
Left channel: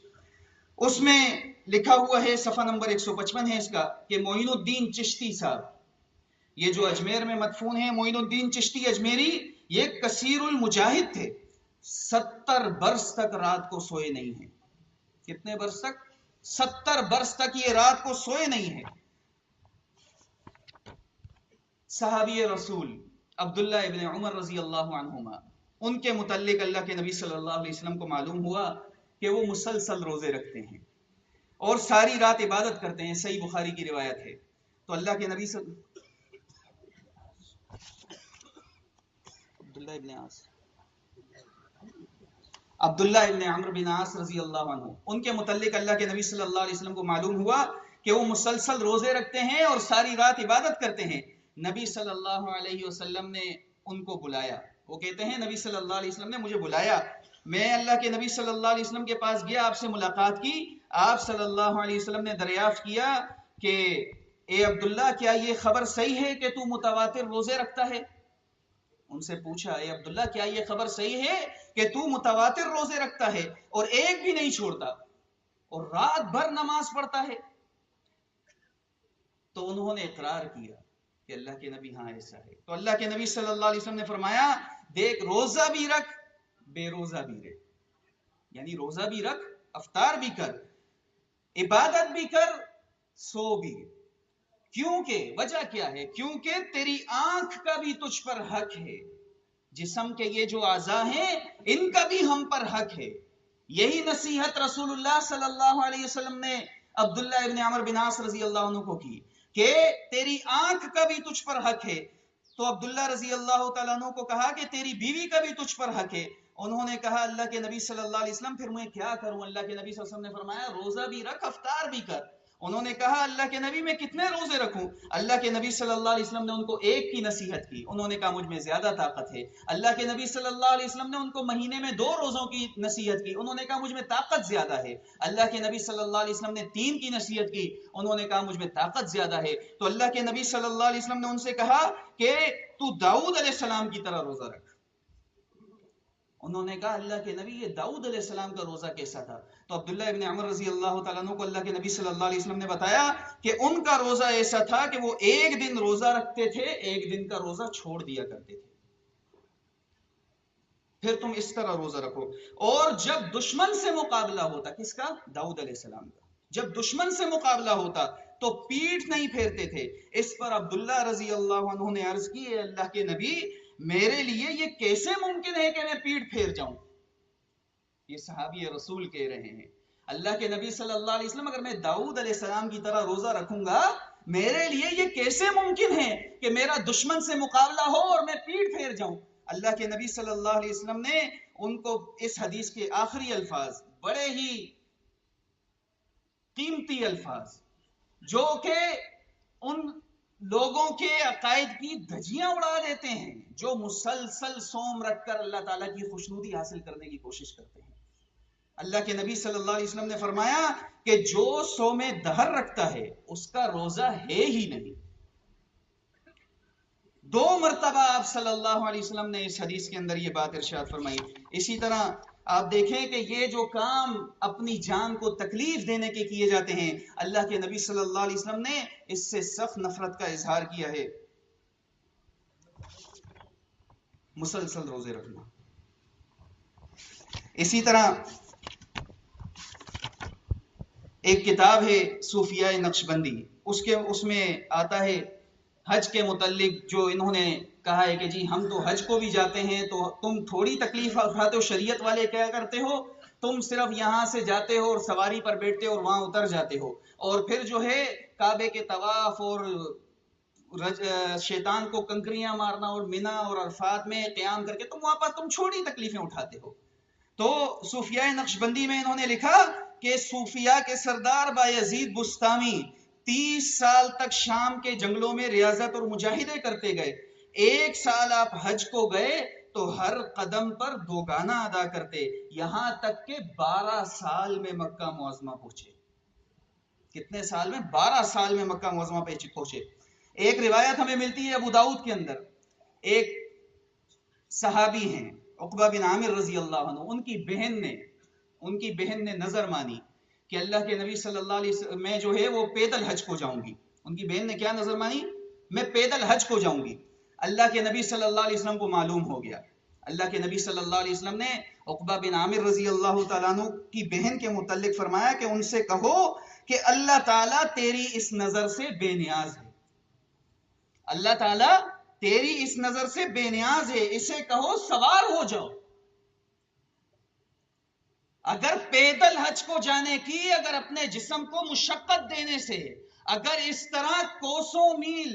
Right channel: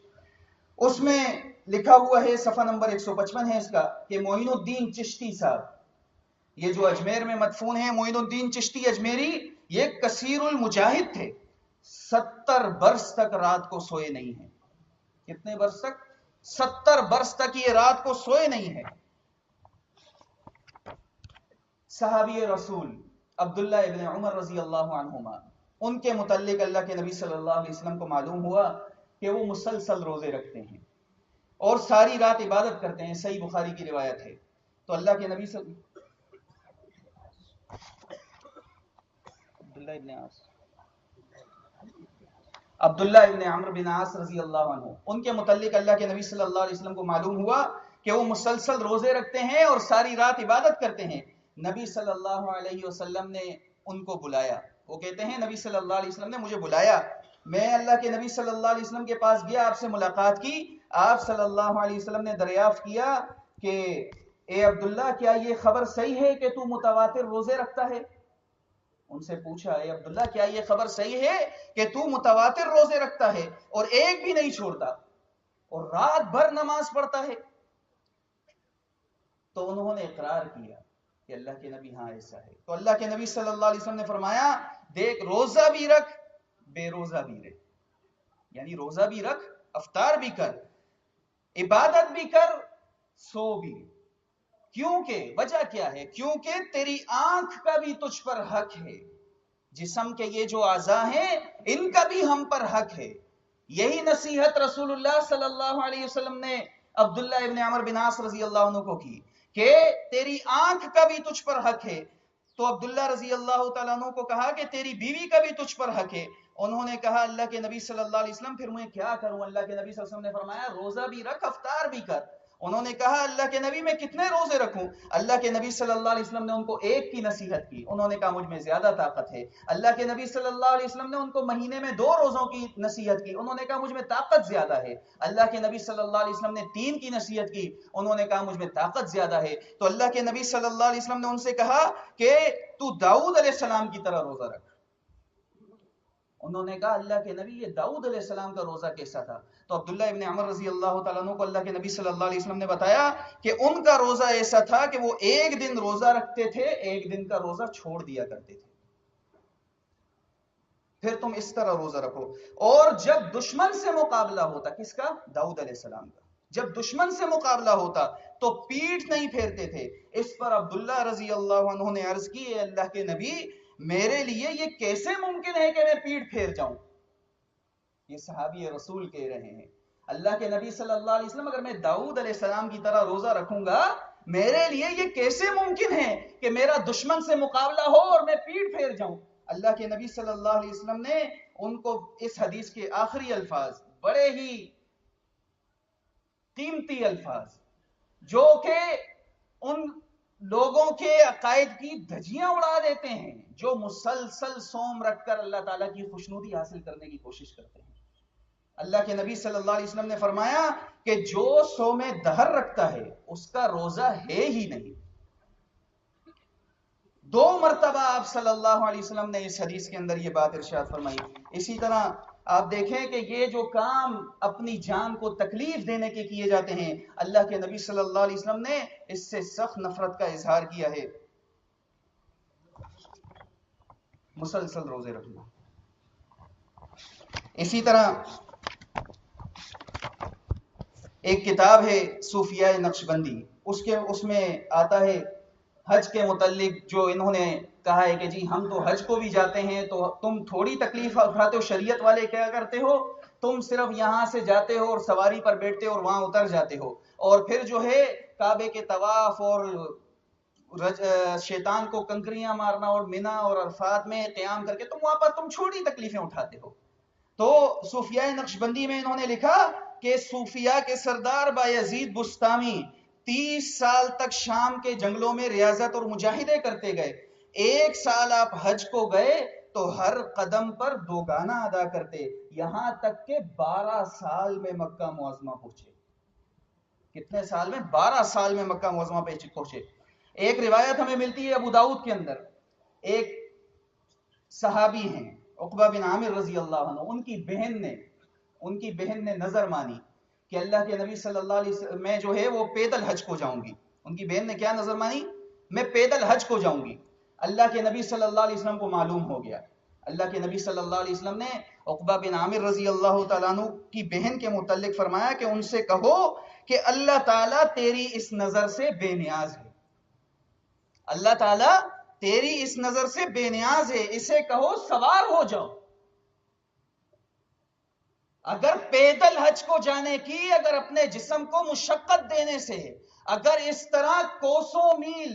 اس میں لکھا ہوا ہے صفحہ نمبر 155 ہے اس کا کہ معین الدین چشتی صاحب، یہ جو اجمیر میں مدفون ہیں معین الدین چشتی اجمیری، یہ کثیر المجاہد تھے، 70 برس تک رات کو سوئے نہیں ہیں۔ کتنے برس تک؟ 70 برس تک یہ رات کو سوئے نہیں ہیں۔ صحابی رسول عبداللہ ابن عمر رضی اللہ عنہما، ان کے متعلق اللہ کے نبی صلی اللہ علیہ وسلم کو معلوم ہوا کہ وہ مسلسل روزے رکھتے ہیں اور ساری رات عبادت کرتے ہیں، صحیح بخاری کی روایت ہے۔ تو اللہ کے نبی عبداللہ ابن عمرو بن عاص رضی اللہ عنہ، ان کے متعلق اللہ کے نبی صلی اللہ علیہ وسلم کو معلوم ہوا کہ وہ مسلسل روزے رکھتے ہیں اور ساری رات عبادت کرتے ہیں۔ نبی صلی اللہ علیہ وسلم نے ان کو بلایا، وہ کہتے ہیں نبی صلی اللہ علیہ وسلم نے مجھے بلایا، میں اللہ کے نبی صلی اللہ علیہ وسلم کے پاس گیا، آپ سے ملاقات کی، آپ صلی اللہ علیہ وسلم نے دریافت کیا کہ اے عبداللہ کیا یہ خبر صحیح ہے کہ تو متواتر روزے رکھتا ہے؟ ان سے پوچھا اے عبداللہ کیا یہ خبر صحیح ہے کہ تو متواتر روزے رکھتا ہے اور ایک بھی نہیں چھوڑتا اور رات بھر نماز پڑھتا ہے؟ تو انہوں نے اقرار کیا کہ اللہ کے نبی ہاں ایسا ہے۔ تو اللہ کے نبی صلی اللہ علیہ وسلم نے فرمایا دیکھ روزہ بھی رکھ بے روزہ بھی رہ، یعنی روزہ بھی رکھ، افطار بھی کر، عبادت بھی کر، سو بھی۔ کیونکہ وجہ کیا ہے؟ کیونکہ تیری آنکھ کا بھی تجھ پر حق ہے، جسم کے یہ جو اعضاء ہیں ان کا بھی ہم پر حق ہے۔ یہی نصیحت رسول اللہ صلی اللہ علیہ وسلم نے عبداللہ ابن عمر بن عاص رضی اللہ عنہ کو کی کہ تیری آنکھ کا بھی تجھ پر حق ہے۔ تو عبداللہ رضی اللہ تعالیٰ عنہ کو کہا کہ تیری بیوی کا بھی تجھ پر حق ہے۔ انہوں نے کہا اللہ کے نبی صلی اللہ علیہ وسلم پھر میں کیا کروں؟ اللہ کے نبی صلی اللہ علیہ وسلم نے فرمایا روزہ بھی رکھ، افطار بھی کر۔ انہوں نے کہا اللہ کے نبی میں کتنے روزے رکھوں؟ اللہ کے نبی صلی اللہ علیہ وسلم نے ان کو ایک کی نصیحت کی، انہوں نے کہا مجھ میں زیادہ طاقت ہے۔ اللہ کے نبی صلی اللہ علیہ وسلم نے ان کو مہینے میں 2 روزوں کی نصیحت کی، انہوں نے کہا مجھ میں طاقت زیادہ ہے۔ اللہ کے نبی صلی اللہ علیہ وسلم نے 3 کی نصیحت کی، انہوں نے کہا مجھ میں طاقت زیادہ ہے۔ تو اللہ کے نبی صلی اللہ علیہ وسلم نے ان سے کہا کہ تو داؤد علیہ السلام کی طرح روزہ رکھ۔ انہوں نے کہا اللہ کے نبی یہ داؤد علیہ السلام کا روزہ کیسا تھا؟ تو عبداللہ ابن عمر رضی اللہ تعالیٰ عنہ کو اللہ کے نبی صلی اللہ علیہ وسلم نے بتایا کہ ان کا روزہ ایسا تھا کہ وہ ایک دن روزہ رکھتے تھے، ایک دن کا روزہ چھوڑ دیا کرتے تھے۔ پھر تم اس طرح روزہ رکھو۔ اور جب دشمن سے مقابلہ ہوتا، کس کا؟ داؤد علیہ السلام کا۔ جب دشمن سے مقابلہ ہوتا تو پیٹھ نہیں پھیرتے تھے۔ اس پر عبداللہ رضی اللہ عنہ نے عرض کی اے اللہ کے نبی میرے لیے یہ کیسے ممکن ہے کہ میں پیٹھ پھیر جاؤں؟ یہ صحابی رسول کہہ رہے ہیں اللہ کے نبی صلی اللہ علیہ وسلم اگر میں داؤد علیہ السلام کی طرح روزہ رکھوں گا میرے لیے یہ کیسے ممکن ہے کہ میرا دشمن سے مقابلہ ہو اور میں پیٹھ پھیر جاؤں؟ اللہ کے نبی صلی اللہ علیہ وسلم نے ان کو اس حدیث کے آخری الفاظ، بڑے ہی قیمتی الفاظ جو کہ ان لوگوں کے عقائد کی دھجیاں اڑا دیتے ہیں جو مسلسل صوم رکھ کر اللہ تعالیٰ کی خوشنودی حاصل کرنے کی کوشش کرتے ہیں۔ اللہ کے نبی صلی اللہ علیہ وسلم نے فرمایا کہ جو صوم دہر رکھتا ہے اس کا روزہ ہے ہی نہیں۔ 2 مرتبہ آپ صلی اللہ علیہ وسلم نے اس حدیث کے اندر یہ بات ارشاد فرمائی۔ اسی طرح آپ دیکھیں کہ یہ جو کام اپنی جان کو تکلیف دینے کے کیے جاتے ہیں اللہ کے نبی صلی اللہ علیہ وسلم نے اس سے سخت نفرت کا اظہار کیا ہے۔ مسلسل روزے رکھنا۔ اسی طرح ایک کتاب ہے صوفیاء نقشبندی، اس میں آتا ہے حج کے متعلق جو انہوں نے کہا ہے کہ جی ہم تو حج کو بھی جاتے ہیں تو تم تھوڑی تکلیف اٹھاتے ہو، شریعت والے کیا کرتے ہو تم صرف یہاں سے جاتے ہو اور سواری پر بیٹھتے ہو اور وہاں اتر جاتے ہو، اور پھر جو ہے کعبے کے طواف اور شیطان کو کنکریاں مارنا اور منا اور عرفات میں قیام کر کے تم وہاں پر تم چھوٹی تکلیفیں اٹھاتے ہو۔ تو صوفیاء نقشبندی میں انہوں نے لکھا کہ صوفیاء کے سردار بایزید بستامی 30 سال تک شام کے جنگلوں میں ریاضت اور مجاہدے کرتے گئے۔ 1 سال آپ حج کو گئے تو ہر قدم پر 2 گانا ادا کرتے، یہاں تک کہ 12 سال میں مکہ معظمہ پہنچے۔ کتنے سال میں؟ 12 سال میں مکہ معظمہ پہ پہنچے۔ ایک روایت ہمیں ملتی ہے ابو داؤد کے اندر، ایک صحابی ہیں عقبہ بن عامر رضی اللہ عنہ، ان کی بہن نے نظر مانی کہ اللہ کے نبی صلی اللہ علیہ وسلم میں جو ہے وہ پیدل حج کو جاؤں گی. ان کی بہن نے کیا نظر مانی؟ میں پیدل حج کو جاؤں گی. اللہ کے نبی صلی اللہ علیہ وسلم کو معلوم ہو گیا. اللہ کے نبی صلی اللہ علیہ وسلم نے عقبہ بن عامر رضی اللہ تعالیٰ عنہ کی بہن کے متعلق فرمایا کہ ان سے کہو کہ اللہ تعالیٰ تیری اس نظر سے بے نیاز ہے. اللہ تعالیٰ تیری اس نظر سے بے نیاز ہے، اسے کہو سوار ہو جاؤ. اگر پیدل حج کو جانے کی، اگر اپنے جسم کو مشقت دینے سے، اگر اس طرح کوسوں میل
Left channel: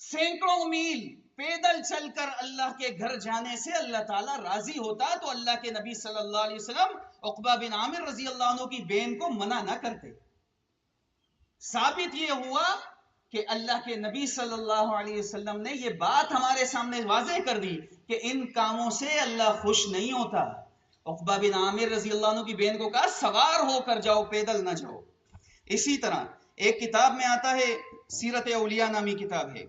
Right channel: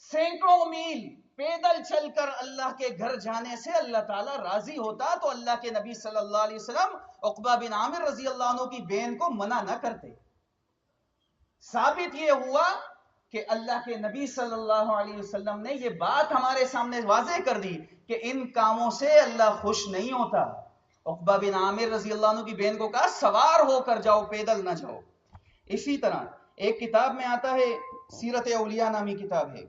سینکڑوں میل پیدل چل کر اللہ کے گھر جانے سے اللہ تعالیٰ راضی ہوتا تو اللہ کے نبی صلی اللہ علیہ وسلم عقبہ بن عامر رضی اللہ عنہ کی بہن کو منع نہ کرتے. ثابت یہ ہوا کہ اللہ کے نبی صلی اللہ علیہ وسلم نے یہ بات ہمارے سامنے واضح کر دی کہ ان کاموں سے اللہ خوش نہیں ہوتا. عقبہ بن عامر رضی اللہ عنہ کی بہن کو کہا سوار ہو کر جاؤ، پیدل نہ جاؤ. اسی طرح ایک کتاب میں آتا ہے، سیرت اولیاء نامی کتاب ہے،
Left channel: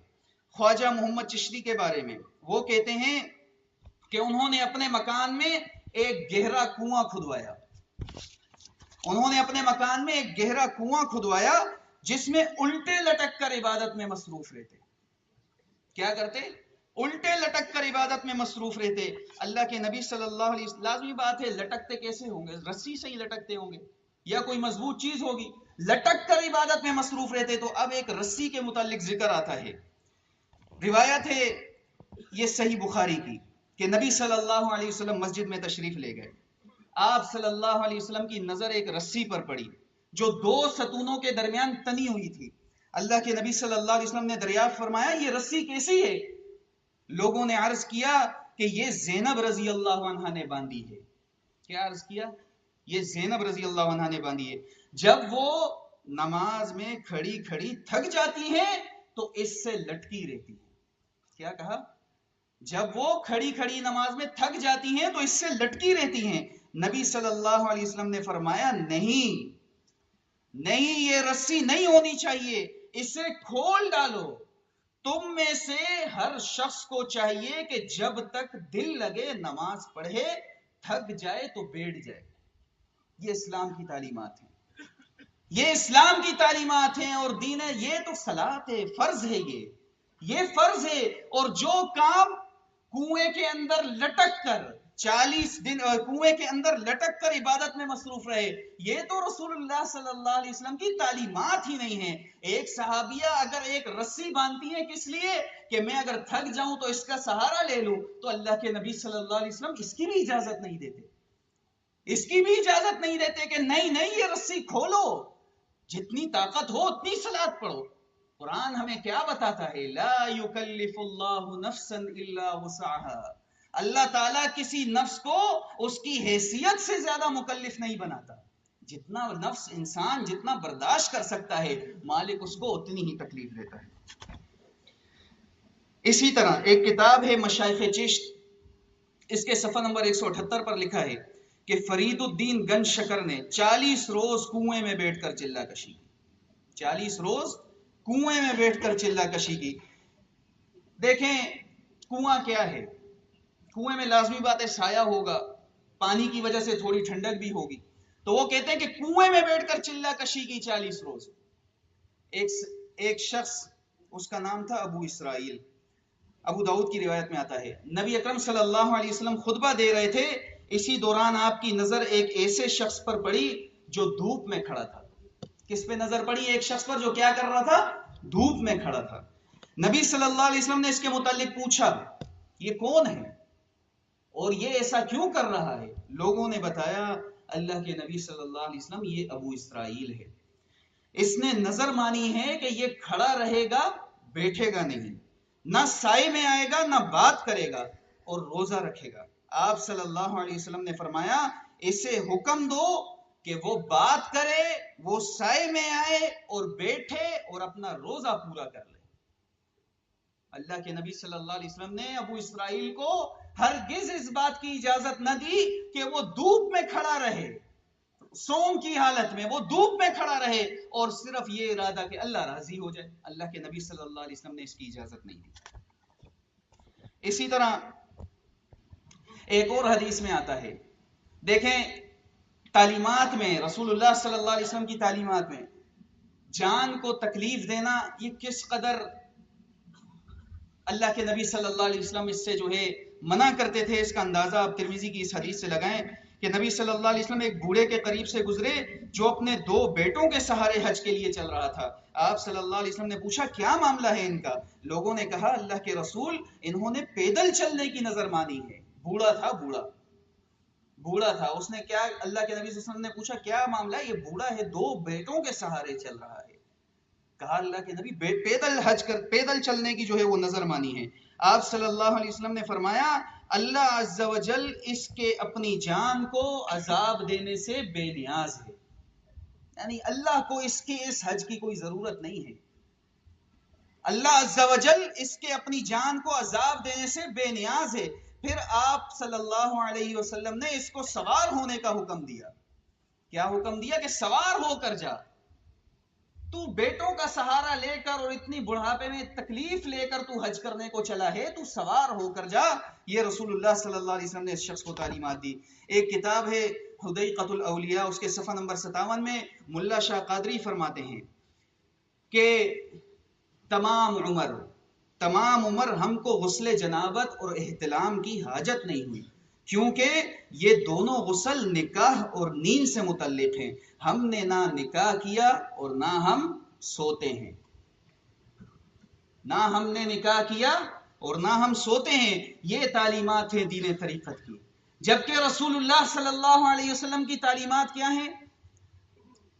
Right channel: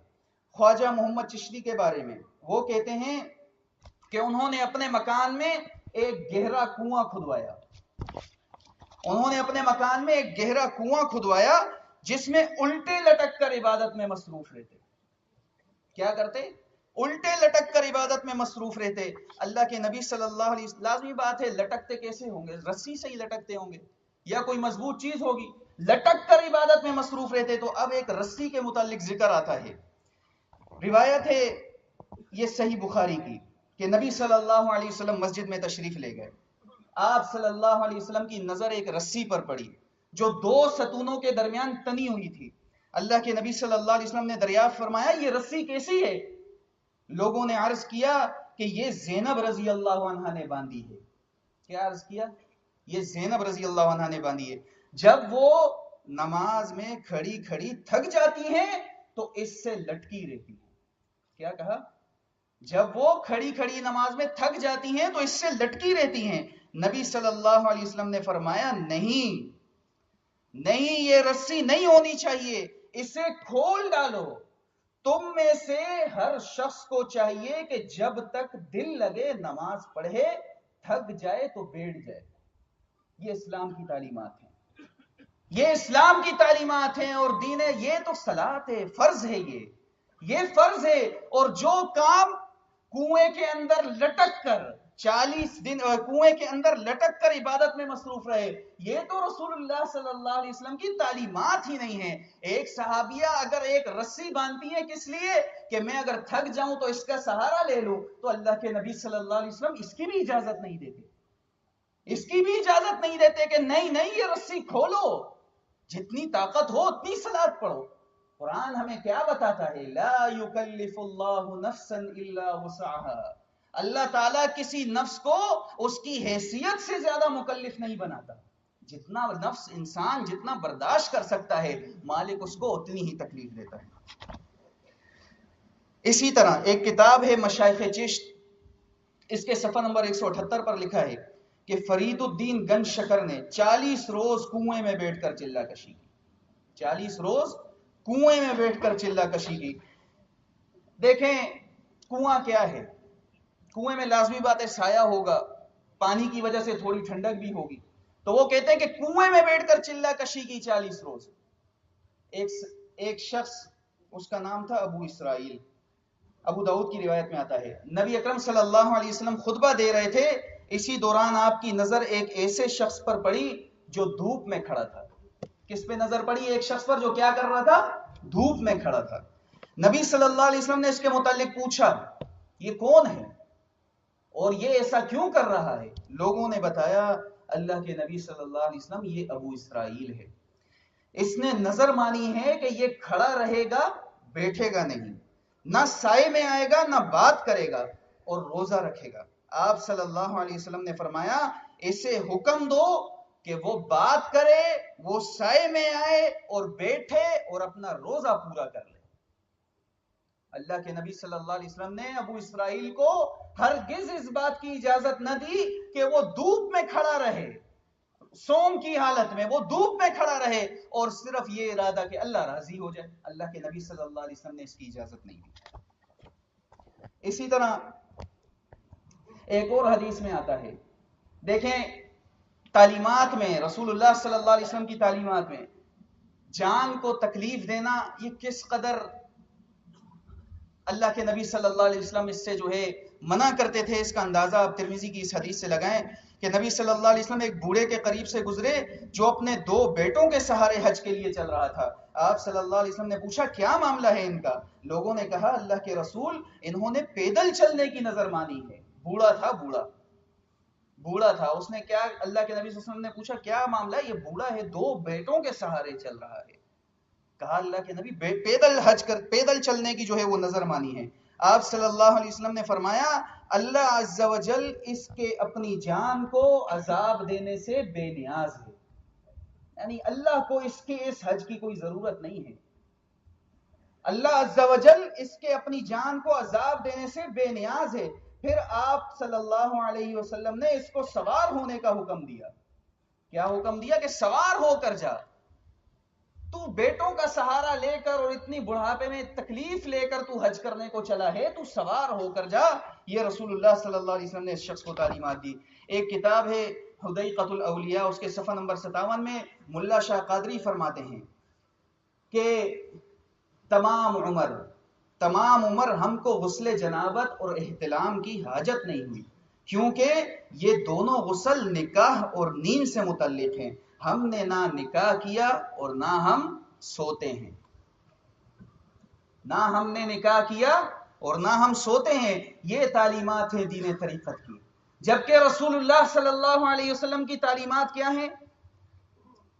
خواجہ محمد چشتی کے بارے میں. وہ کہتے ہیں کہ انہوں نے اپنے مکان میں ایک گہرا کنواں کھدوایا. انہوں نے اپنے مکان میں ایک گہرا کنواں کھدوایا جس میں الٹے لٹک کر عبادت میں مصروف رہتے. کیا کرتے؟ الٹے لٹک کر عبادت میں مصروف رہتے. اللہ کے نبی صلی اللہ علیہ وسلم، لازمی بات ہے لٹکتے کیسے ہوں گے؟ رسی سے ہی لٹکتے ہوں گے یا کوئی مضبوط چیز ہوگی. لٹک کر عبادت میں مصروف رہتے. تو اب ایک رسی کے متعلق ذکر آتا ہے. روایت ہے یہ صحیح بخاری کی کہ نبی صلی اللہ علیہ وسلم مسجد میں تشریف لے گئے. آپ صلی اللہ علیہ وسلم کی نظر ایک رسی پر پڑی جو دو ستونوں کے درمیان تنی ہوئی تھی. اللہ کے نبی صلی اللہ علیہ وسلم نے دریافت فرمایا یہ رسی کیسی ہے؟ لوگوں نے عرض کیا کہ یہ زینب رضی اللہ عنہا نے باندھی ہے. کیا عرض کیا؟ یہ زینب رضی اللہ عنہا نے باندھی ہے. جب وہ نماز میں کھڑی کھڑی تھک جاتی ہیں تو اس سے لٹکی رہتی ہے. کیا کہا؟ جب وہ کھڑی کھڑی نماز میں تھک جاتی ہیں تو اس سے لٹکی رہتی ہیں. نبی صلی اللہ علیہ وسلم نے فرمایا نہیں نہیں، یہ رسی نہیں ہونی چاہیے، اسے کھول ڈالو. تم میں سے ہر شخص کو چاہیے کہ جب تک دل لگے نماز پڑھے، تھک جائے تو بیٹھ جائے. یہ اسلام کی تعلیمات ہیں، یہ اسلام کی تعلیمات ہیں. اور دین ہے، یہ تو صلاۃ ہے، فرض ہے. یہ فرض ہے. اور جو کام کنویں کے اندر لٹک کر 40 دن کنویں کے اندر لٹک کر عبادت میں مصروف رہے، یہ تو رسول اللہ صلی اللہ علیہ وسلم کی تعلیمات ہی نہیں ہیں. ایک صحابیہ اگر ایک رسی باندھتی ہے کس لیے؟ کہ میں اگر تھک جاؤں تو اس کا سہارا لے لوں. تو اللہ کے نبی صلی اللہ علیہ وسلم اس کی بھی اجازت نہیں دیتے. اس کی بھی اجازت نہیں دیتے کہ نہیں نہیں یہ رسی کھولو، جتنی طاقت ہو اتنی صلاۃ پڑھو. قرآن ہمیں کیا بتاتا ہے؟ لا یکلف اللہ نفسا الا وسعها. اللہ تعالیٰ کسی نفس کو اس کی حیثیت سے زیادہ مکلف نہیں بناتا. جتنا نفس انسان جتنا برداشت کر سکتا ہے، مالک اس کو اتنی ہی تکلیف دیتا ہے. اسی طرح ایک کتاب ہے مشائخ چشت، اس کے صفحہ نمبر 178 پر لکھا ہے کہ فرید الدین گنج شکر نے 40 روز کنویں میں بیٹھ کر چلہ کشی کی. 40 روز کنویں میں بیٹھ کر چلہ کشی کی. دیکھیں کنواں کیا ہے؟ کنویں میں لازمی بات ہے سایہ ہوگا، پانی کی وجہ سے تھوڑی ٹھنڈک بھی ہوگی. تو وہ کہتے ہیں کہ کنویں میں بیٹھ کر چلہ کشی کی 40 روز. ایک شخص، اس کا نام تھا ابو اسرائیل، ابو داؤد کی روایت میں آتا ہے، نبی اکرم صلی اللہ علیہ وسلم خطبہ دے رہے تھے. اسی دوران آپ کی نظر ایک ایسے شخص پر پڑی جو دھوپ میں کھڑا تھا. کس پہ نظر پڑی؟ ایک شخص پر جو کیا کر رہا تھا؟ دھوپ میں کھڑا تھا. نبی صلی اللہ علیہ وسلم نے اس کے متعلق پوچھا یہ کون ہے اور یہ ایسا کیوں کر رہا ہے؟ لوگوں نے بتایا اللہ کے نبی صلی اللہ علیہ وسلم یہ ابو اسرائیل ہے، اس نے نظر مانی ہے کہ یہ کھڑا رہے گا، بیٹھے گا نہیں، نہ سائے میں آئے گا نہ بات کرے گا، اور روزہ رکھے گا. آپ صلی اللہ علیہ وسلم نے فرمایا اسے حکم دو کہ وہ بات کرے، وہ سائے میں آئے اور بیٹھے اور اپنا روزہ پورا کر لے. اللہ کے نبی صلی اللہ علیہ وسلم نے ابو اسرائیل کو ہرگز اس بات کی اجازت نہ دی کہ وہ دھوپ میں کھڑا رہے، صوم کی حالت میں وہ دھوپ میں کھڑا رہے اور صرف یہ ارادہ کہ اللہ راضی ہو جائے. اللہ کے نبی صلی اللہ علیہ وسلم نے اس کی اجازت نہیں دی. اسی طرح ایک اور حدیث میں آتا ہے، دیکھیں تعلیمات میں، رسول اللہ صلی اللہ علیہ وسلم کی تعلیمات میں جان کو تکلیف دینا یہ کس قدر اللہ کے نبی صلی اللہ علیہ وسلم اس سے جو ہے منع کرتے تھے، اس کا اندازہ آپ ترمذی کی اس حدیث سے لگائیں کہ نبی صلی اللہ علیہ وسلم ایک بوڑھے کے قریب سے گزرے جو اپنے 2 بیٹوں کے سہارے حج کے لیے چل رہا تھا۔ آپ صلی اللہ علیہ وسلم نے پوچھا کیا معاملہ ہے ان کا؟ لوگوں نے کہا اللہ کے رسول انہوں نے پیدل چلنے کی نظر مانی ہے۔ بوڑھا تھا، بوڑھا تھا، اس نے کیا، اللہ کے نبی صلی اللہ علیہ وسلم نے پوچھا کیا معاملہ ہے؟ یہ بوڑھا ہے 2 بیٹوں کے سہارے چل رہا ہے۔ کہا اللہ کے نبی پیدل چلنے کی جو ہے وہ نظر مانی ہے۔ آپ صلی اللہ علیہ وسلم نے فرمایا اللہ عز و جل اس کے اپنی جان کو عذاب دینے سے بے نیاز ہے، یعنی اللہ کو اس حج کی کوئی ضرورت نہیں ہے۔ اللہ عز و جل اس کے اپنی جان کو عذاب دینے سے بے نیاز ہے۔ پھر آپ صلی اللہ علیہ وسلم نے اس کو سوار ہونے کا حکم دیا۔ کیا حکم دیا؟ کہ سوار ہو کر جا، تو بیٹوں کا سہارا لے کر اور اتنی بڑھاپے میں تکلیف لے کر تو حج کرنے کو چلا ہے، تو سوار ہو کر جا۔ یہ رسول اللہ صلی اللہ علیہ وسلم نے اس شخص کو تعلیمات دی۔ ایک کتاب ہے حدیقۃ الاولیاء، اس کے صفحہ نمبر 57 میں ملا شاہ قادری فرماتے ہیں کہ تمام عمر ہم کو غسل جنابت اور احتلام کی حاجت نہیں ہوئی، کیونکہ یہ دونوں غسل نکاح اور نیند سے متعلق ہیں۔ ہم نے نہ نکاح کیا اور نہ ہم سوتے ہیں، نہ ہم نے نکاح کیا اور نہ ہم سوتے ہیں۔ یہ تعلیمات ہیں دین طریقت کی، جبکہ رسول اللہ صلی اللہ علیہ وسلم کی تعلیمات کیا ہیں؟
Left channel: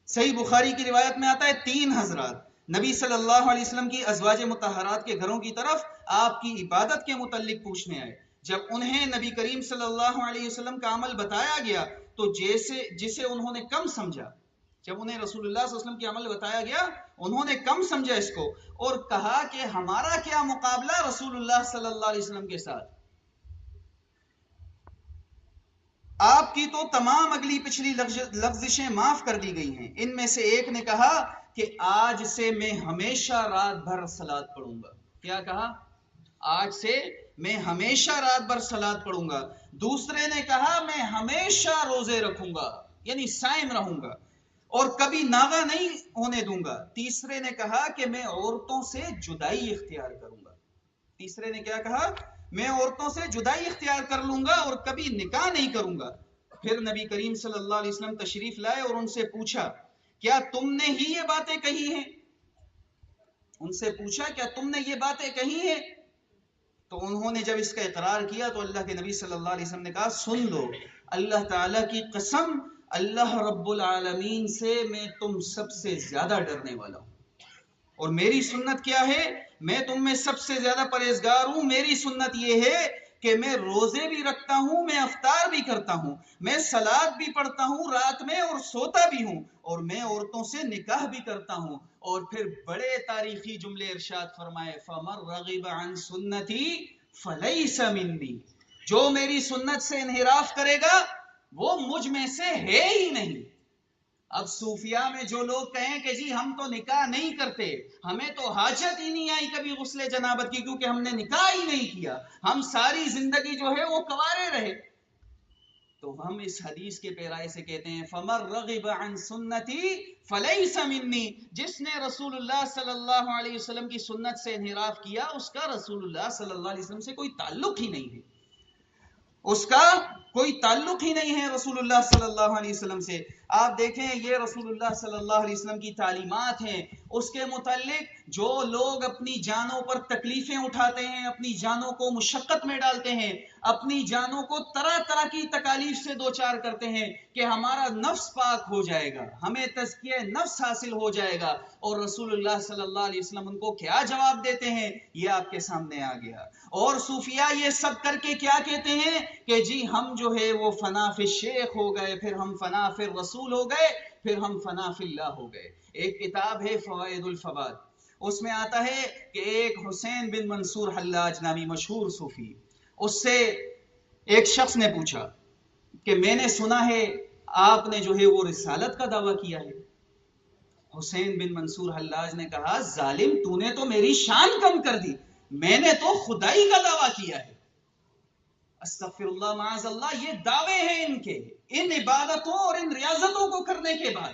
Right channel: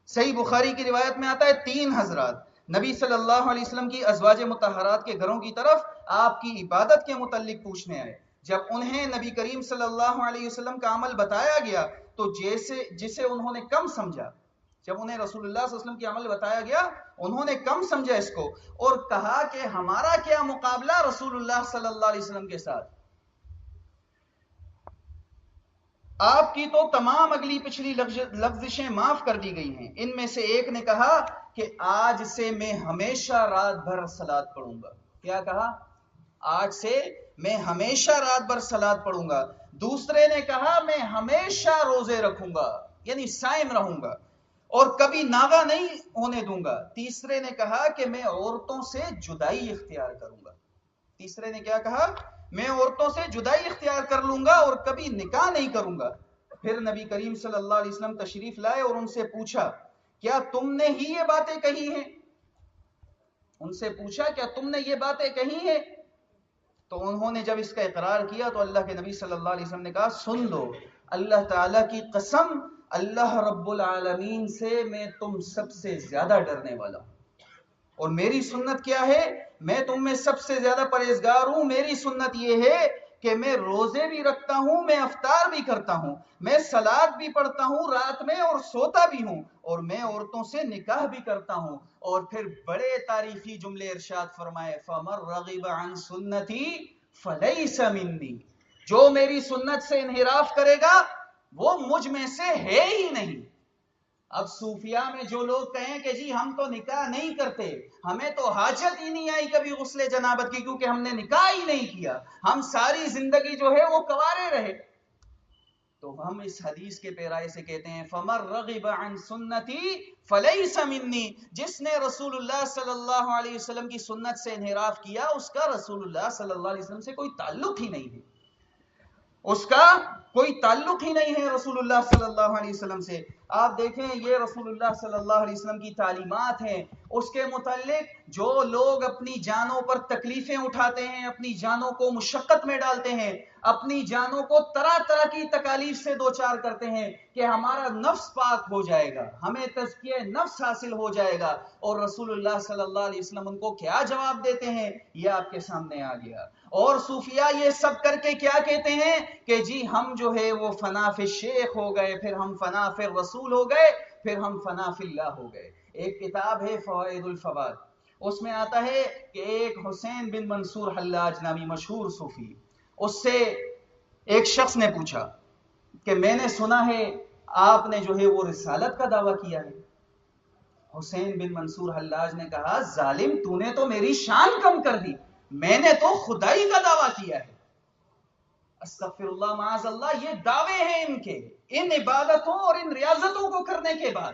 صحیح بخاری کی روایت میں آتا ہے 3 حضرات نبی صلی اللہ علیہ وسلم کی ازواج مطہرات کے گھروں کی طرف آپ کی عبادت کے متعلق پوچھنے آئے۔ جب انہیں نبی کریم صلی اللہ علیہ وسلم کا عمل بتایا گیا تو جسے انہوں نے کم سمجھا، جب انہیں رسول اللہ صلی اللہ علیہ وسلم کی عمل بتایا گیا انہوں نے کم سمجھا اس کو، اور کہا کہ ہمارا کیا مقابلہ رسول اللہ صلی اللہ علیہ وسلم کے ساتھ، آپ کی تو تمام اگلی پچھلی لغزشیں معاف کر دی گئی ہیں۔ ان میں سے ایک نے کہا کہ آج سے میں ہمیشہ رات بھر صلات پڑھوں گا۔ کیا کہا؟ آج سے میں ہمیشہ رات بھر صلات پڑھوں گا۔ دوسرے نے کہا میں ہمیشہ روزے رکھوں گا، یعنی صائم رہوں گا اور کبھی ناغہ نہیں ہونے دوں گا۔ تیسرے نے کہا کہ میں عورتوں سے جدائی اختیار کروں گا۔ تیسرے نے کیا کہا؟ میں عورتوں سے جدائی اختیار کر لوں گا اور کبھی نکاح نہیں کروں گا۔ پھر نبی کریم صلی اللہ علیہ وسلم تشریف لائے اور ان سے پوچھا کیا تم نے ہی یہ باتیں کہی ہیں؟ ان سے پوچھا کیا تم نے یہ باتیں کہی ہیں؟ تو انہوں نے جب اس کا اقرار کیا تو اللہ کے نبی صلی اللہ علیہ وسلم نے کہا سن لو، اللہ تعالیٰ کی قسم، اللہ رب العالمین سے میں تم سب سے زیادہ ڈرنے والا ہوں، اور میری سنت کیا ہے؟ میں تم میں سب سے زیادہ پرہیزگار ہوں۔ میری سنت یہ ہے کہ میں روزے بھی رکھتا ہوں، میں افطار بھی کرتا ہوں، میں صلات بھی پڑھتا ہوں رات میں اور سوتا بھی ہوں، اور میں عورتوں سے نکاح بھی کرتا ہوں۔ اور پھر بڑے تاریخی جملے ارشاد فرمائے فَمَن رَغِبَ عَن سُنَّتِي فَلَيْسَ مِنِّي، جو میری سنت سے انحراف کرے گا وہ مجھ میں سے ہے ہی نہیں۔ اب صوفیاء میں جو لوگ کہیں کہ جی ہم تو نکاح نہیں کرتے، ہمیں تو حاجت ہی نہیں آئی کبھی غسل جنابت کی کیونکہ ہم نے نکاح ہی نہیں کیا، ہم ساری زندگی جو ہے وہ کنوارے رہے، تو ہم اس حدیث کے پیرائے سے کہتے ہیں فَمَن رَغِبَ عَن سُنَّتِي فَلَيْسَ مِنِّي، جس نے رسول اللہ صلی اللہ علیہ وسلم کی سنت سے انحراف کیا اس کا رسول اللہ صلی اللہ علیہ وسلم سے کوئی تعلق ہی نہیں ہے، اس کا کوئی تعلق ہی نہیں ہے رسول اللہ صلی اللہ علیہ وسلم سے۔ آپ دیکھیں یہ رسول اللہ صلی اللہ علیہ وسلم کی تعلیمات ہیں، اس کے متعلق جو لوگ اپنی جانوں پر تکلیفیں اٹھاتے ہیں، اپنی جانوں کو مشقت میں ڈالتے ہیں، اپنی جانوں کو طرح طرح کی تکالیف سے دوچار کرتے ہیں کہ ہمارا نفس پاک ہو جائے گا، ہمیں تزکیہ نفس حاصل ہو جائے گا، اور رسول اللہ صلی اللہ علیہ وسلم ان کو کیا جواب دیتے ہیں یہ آپ کے سامنے آ گیا۔ اور صوفیاء یہ سب کر کے کیا کہتے ہیں کہ جی ہم جو ہے وہ فنا فی الشیخ ہو گئے، پھر ہم فنا فی الرسول ہو گئے، پھر ہم فنا فی اللہ ہو گئے۔ ایک کتاب ہے فوائد الفوائد، اس میں آتا ہے کہ ایک حسین بن منصور حلاج نامی مشہور صوفی، اس سے ایک شخص نے پوچھا کہ میں نے سنا ہے آپ نے جو ہے وہ رسالت کا دعویٰ کیا ہے۔ حسین بن منصور حلاج نے کہا ظالم تو نے تو میری شان کم کر دی، میں نے تو خدائی کا دعویٰ کیا ہے۔ استغفر اللہ معاذ اللہ، یہ دعوے ہیں ان کے، ان عبادتوں اور ان ریاض ہونے کے بعد،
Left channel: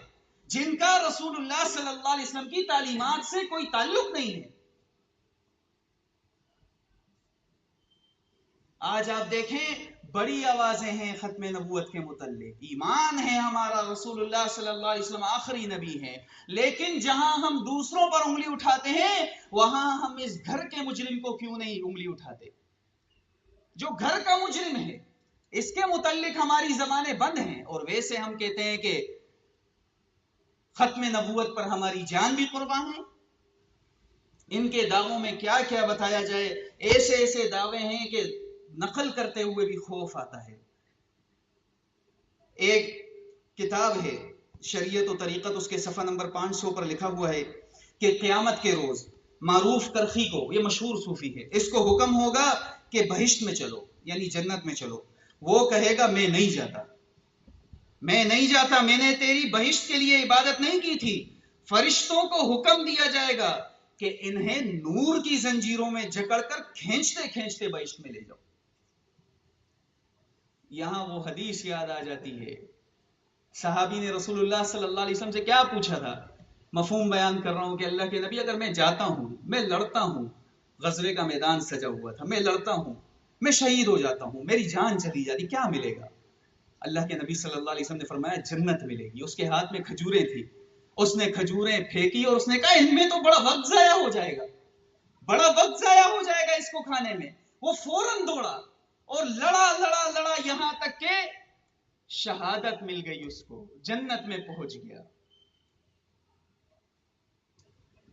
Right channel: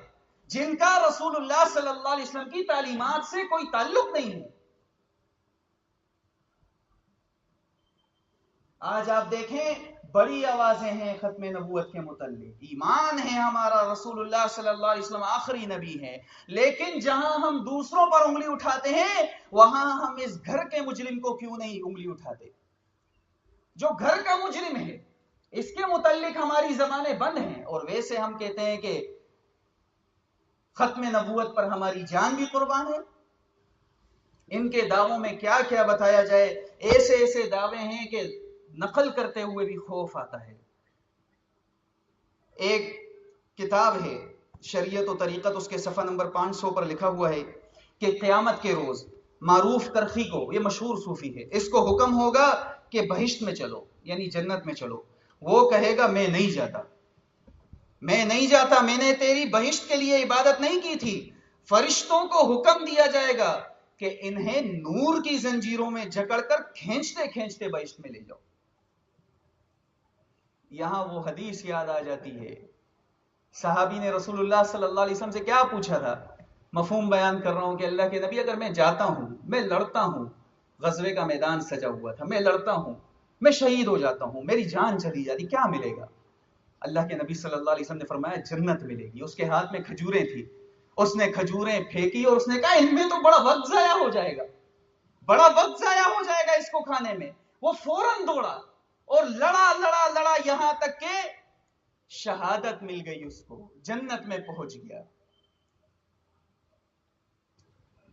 جن کا رسول اللہ صلی اللہ علیہ وسلم کی تعلیمات سے کوئی تعلق نہیں ہے. آج آپ دیکھیں بڑی آوازیں ہیں ختم نبوت کے متعلق، ایمان ہے ہمارا رسول اللہ صلی اللہ علیہ وسلم آخری نبی ہیں، لیکن جہاں ہم دوسروں پر انگلی اٹھاتے ہیں وہاں ہم اس گھر کے مجرم کو کیوں نہیں انگلی اٹھاتے؟ جو گھر کا مجرم ہے اس کے متعلق ہماری زبانیں بند ہیں، اور ویسے ہم کہتے ہیں کہ ختم نبوت پر ہماری جان بھی قربان ہے. ان کے دعووں میں کیا کیا بتایا جائے، ایسے ایسے دعوے ہیں کہ نقل کرتے ہوئے بھی خوف آتا ہے. ایک کتاب ہے شریعت و طریقت، اس کے صفحہ نمبر 500 پر لکھا ہوا ہے کہ قیامت کے روز معروف کرخی کو، یہ مشہور صوفی ہے، اس کو حکم ہوگا کہ بہشت میں چلو، یعنی جنت میں چلو. وہ کہے گا میں نہیں جاتا، میں نہیں جاتا، میں نے تیری بہشت کے لیے عبادت نہیں کی تھی. فرشتوں کو حکم دیا جائے گا کہ انہیں نور کی زنجیروں میں جکڑ کر کھینچتے کھینچتے بہشت میں لے جاؤ. یہاں وہ حدیث یاد آ جاتی ہے، صحابی نے رسول اللہ صلی اللہ علیہ وسلم سے کیا پوچھا تھا، مفہوم بیان کر رہا ہوں کہ اللہ کے نبی اگر میں جاتا ہوں، میں لڑتا ہوں، غزوے کا میدان سجا ہوا تھا، میں لڑتا ہوں، میں شہید ہو جاتا ہوں، میری جان چلی جاتی، کیا ملے گا؟ اللہ کے نبی صلی اللہ علیہ وسلم نے فرمایا جنت ملے گی. اس کے ہاتھ میں کھجوریں تھی، اس نے کھجوریں پھینکی اور اس نے کہا ان میں تو بڑا وقت ضائع ہو جائے گا، بڑا وقت ضائع ہو جائے گا اس کو کھانے میں. وہ فوراً دوڑا اور لڑا لڑا لڑا یہاں تک کہ شہادت مل گئی، اس کو جنت میں پہنچ گیا.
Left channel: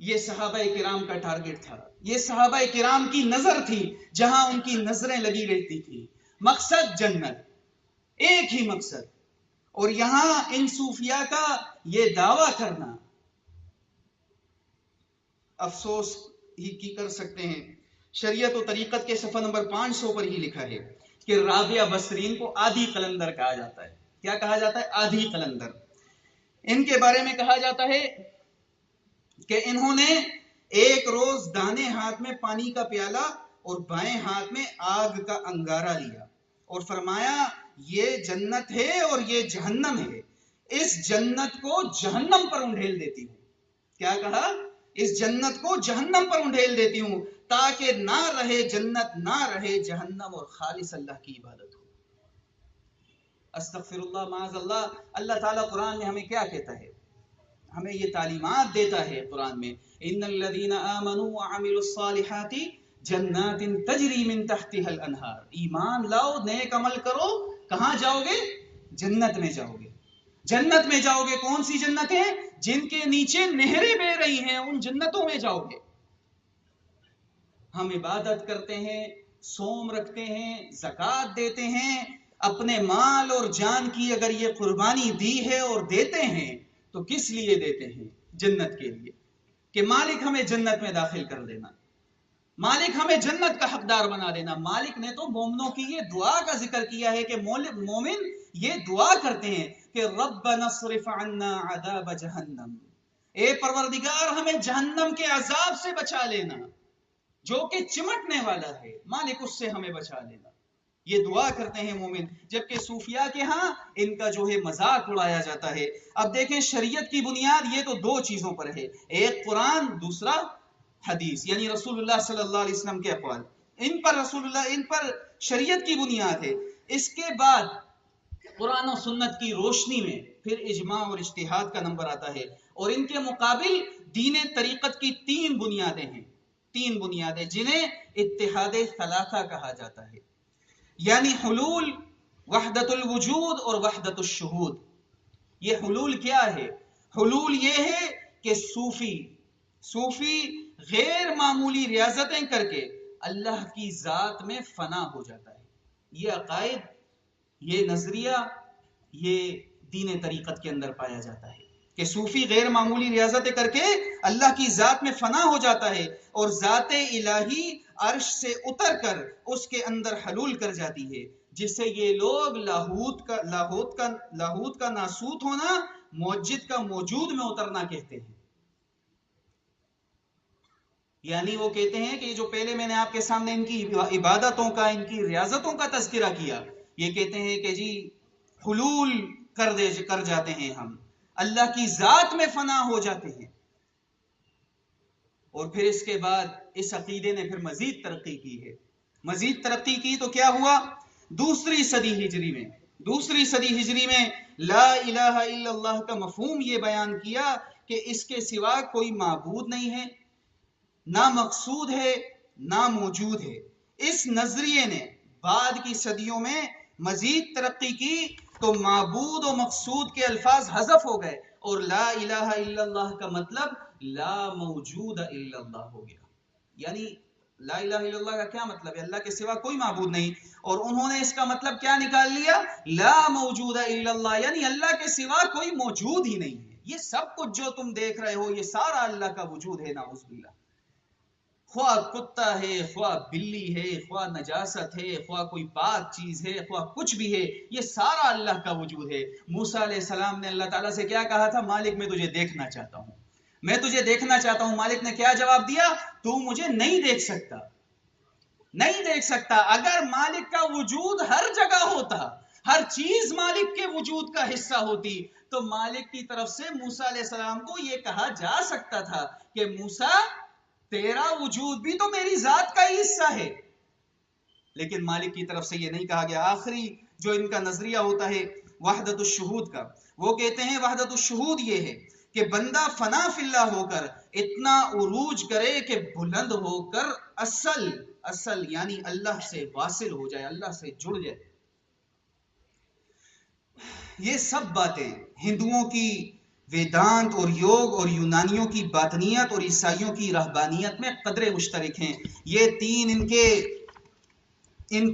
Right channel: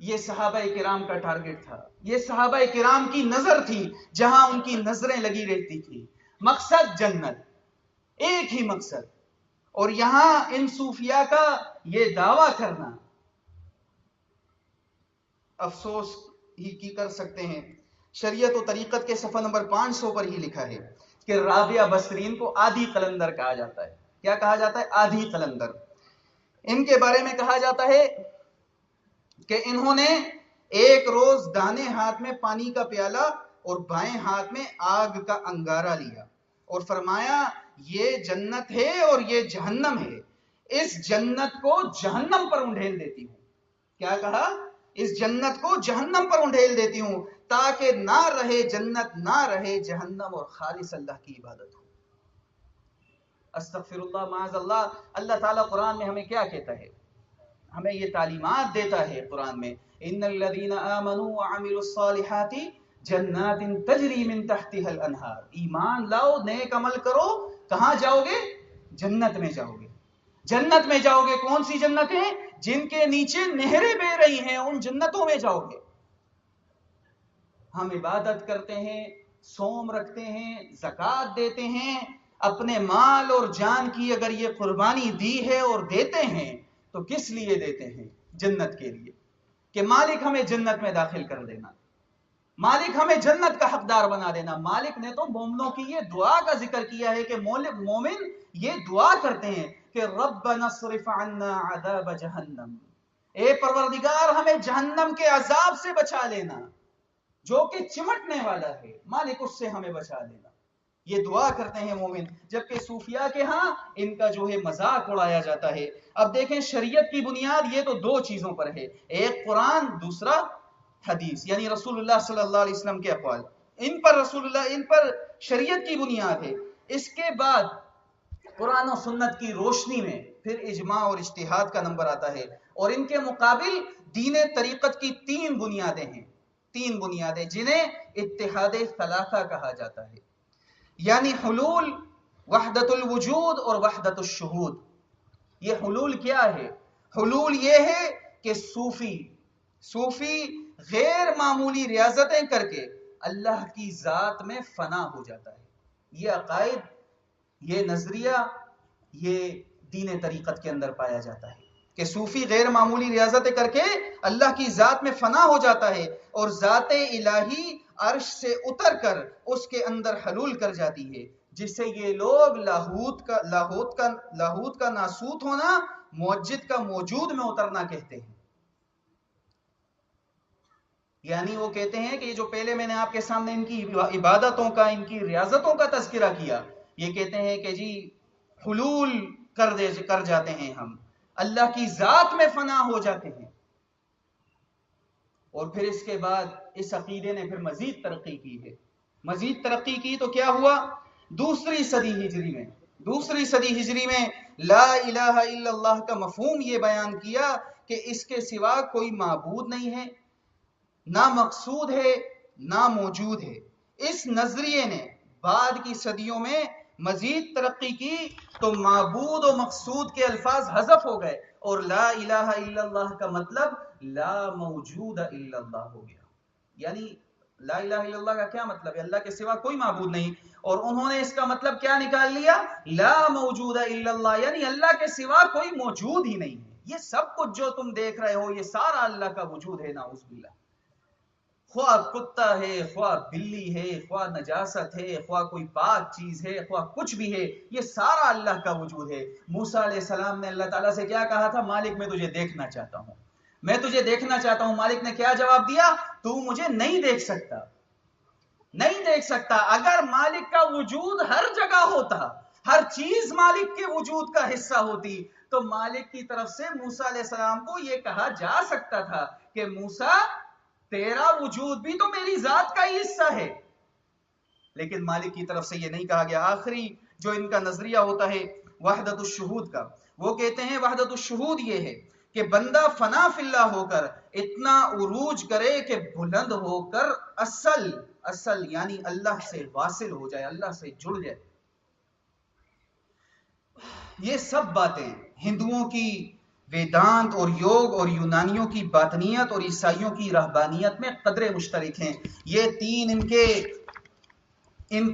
یہ صحابہ کرام کا ٹارگٹ تھا، یہ صحابہ کرام کی نظر تھی، جہاں ان کی نظریں لگی رہتی تھی. مقصد جنت، ایک ہی مقصد. اور یہاں ان صوفیاء کا یہ دعویٰ کرنا افسوس ہی کی کر سکتے ہیں. شریعت و طریقت کے صفحہ نمبر 500 پر ہی لکھا ہے کہ رابعہ بصرین کو آدھی قلندر کہا جاتا ہے. کیا کہا جاتا ہے؟ آدھی قلندر. ان کے بارے میں کہا جاتا ہے کہ انہوں نے ایک روز دانے ہاتھ میں پانی کا پیالہ اور بائیں ہاتھ میں آگ کا انگارہ لیا اور فرمایا یہ جنت ہے اور یہ جہنم ہے، اس جنت کو جہنم پر انڈھیل دیتی ہوں. کیا کہا؟ اس جنت کو جہنم پر انڈھیل دیتی ہوں تاکہ نہ رہے جنت، نہ رہے جہنم، اور خالص اللہ کی عبادت ہو. استغفر اللہ، معاذ اللہ. اللہ تعالیٰ قرآن میں ہمیں کیا کہتا ہے؟ ہمیں یہ تعلیمات دیتا ہے قرآن میں، ان الذین آمنوا وعملوا الصالحات جنات تجری من تحتها الانہار. ایمان لاؤ، نیک عمل کرو، کہاں جاؤ گے؟ جنت میں جاؤ گے. جنت میں جاؤ گے. کون سی جنتیں؟ جن کے نیچے نہریں بہ رہی ہیں، ان جنتوں میں جاؤ گے. ہم عبادت کرتے ہیں، صوم رکھتے ہیں، زکوٰۃ دیتے ہیں، اپنے مال اور جان کی اگر یہ قربانی دی ہے اور دیتے ہیں تو کس لیے دیتے ہیں؟ جنت کے لیے، کہ مالک ہمیں جنت میں داخل کر دینا، مالک ہمیں جنت کا حقدار بنا دینا. مالک نے تو مومنوں کی یہ دعا کا ذکر کیا ہے کہ مومن یہ دعا کرتے ہیں کہ ربنا اصرف عنا عذاب جہنم، اے پروردگار ہمیں جہنم کے عذاب سے بچا لینا جو کہ چمٹنے والا ہے، مالک اس سے ہمیں بچا لینا. یہ دعا کرتے ہیں مومن، جبکہ صوفیاء کے ہاں ان کا جو ہے مذاق اڑایا جاتا ہے. اب دیکھیں شریعت کی بنیاد یہ تو دو چیزوں پر ہے، ایک قرآن، دوسرا حدیث، یعنی رسول اللہ صلی اللہ علیہ وسلم کے اقوال. ان پر شریعت کی بنیاد ہے. اس کے بعد قرآن و سنت کی روشنی میں پھر اجماع اور اجتہاد کا نمبر آتا ہے. اور ان کے مقابل دین طریقت کی تین بنیادیں ہیں، تین بنیادیں جنہیں اتحاد ثلاثہ کہا جاتا ہے، یعنی حلول، وحدت الوجود اور وحدت الشہود. یہ حلول کیا ہے؟ حلول یہ ہے کہ صوفی غیر معمولی ریاضتیں کر کے اللہ کی ذات میں فنا ہو جاتا ہے. یہ عقائد، یہ نظریہ، یہ دین طریقت کے اندر پایا جاتا ہے کہ صوفی غیر معمولی ریاضتیں کر کے اللہ کی ذات میں فنا ہو جاتا ہے اور ذات الہی عرش سے اتر کر اس کے اندر حلول کر جاتی ہے، جسے یہ لوگ لاہوت کا ناسوت ہونا، موجد کا موجود میں اترنا کہتے ہیں. یعنی وہ کہتے ہیں کہ جو پہلے میں نے آپ کے سامنے ان کی عبادتوں کا، ان کی ریاضتوں کا تذکرہ کیا، یہ کہتے ہیں کہ جی حلول کر جاتے ہیں ہم، اللہ کی ذات میں فنا ہو جاتے ہیں. اور پھر اس کے بعد اس عقیدے نے پھر مزید ترقی کی ہے. مزید ترقی کی تو کیا ہوا؟ دوسری صدی ہجری میں لا الہ الا اللہ کا مفہوم یہ بیان کیا کہ اس کے سوا کوئی معبود نہیں ہے، نہ مقصود ہے، نہ موجود ہے. اس نظریے نے بعد کی صدیوں میں مزید ترقی کی تو معبود و مقصود کے الفاظ حذف ہو گئے اور لا الہ الا اللہ کا مطلب لا موجود الا اللہ ہو گیا. یعنی لا الہ الا اللہ کا کیا مطلب ہے؟ اللہ کے سوا کوئی معبود نہیں. اور انہوں نے اس کا مطلب کیا نکال لیا؟ لا موجود الا اللہ، یعنی اللہ کے سوا کوئی موجود ہی نہیں ہے. یہ سب کچھ جو تم دیکھ رہے ہو یہ سارا اللہ کا وجود ہے، نعوذ باللہ. خواہ کتا ہے، خواہ بلی ہے، خواہ نجاست ہے، خواہ کوئی پاک چیز ہے، خواہ کچھ بھی ہے، یہ سارا اللہ کا وجود ہے. موسیٰ علیہ السلام نے اللہ تعالیٰ سے کیا کہا تھا؟ مالک میں تجھے دیکھنا چاہتا ہوں، میں تجھے دیکھنا چاہتا ہوں. مالک نے کیا جواب دیا؟ تو مجھے نہیں دیکھ سکتا، نہیں دیکھ سکتا. اگر مالک کا وجود ہر جگہ ہوتا، ہر چیز مالک کے وجود کا حصہ ہوتی، تو مالک کی طرف سے موسیٰ علیہ السلام کو یہ کہا جا سکتا تھا کہ موسیٰ تیرا وجود بھی تو میری ذات کا ہی حصہ ہے. لیکن مالک کی طرف سے یہ نہیں کہا گیا. آخری جو ان کا نظریہ ہوتا ہے وحدت الشہود کا، وہ کہتے ہیں وحدت الشہود یہ ہے کہ بندہ فنا فی اللہ ہو کر اتنا عروج کرے کہ بلند ہو کر اصل یعنی اللہ سے واصل ہو جائے، اللہ سے جڑ جائے. یہ سب باتیں ہندوؤں کی ویدانت اور یوگ اور یونانیوں کی باطنیت اور عیسائیوں کی رہبانیت میں قدرے مشترک ہیں. یہ تین ان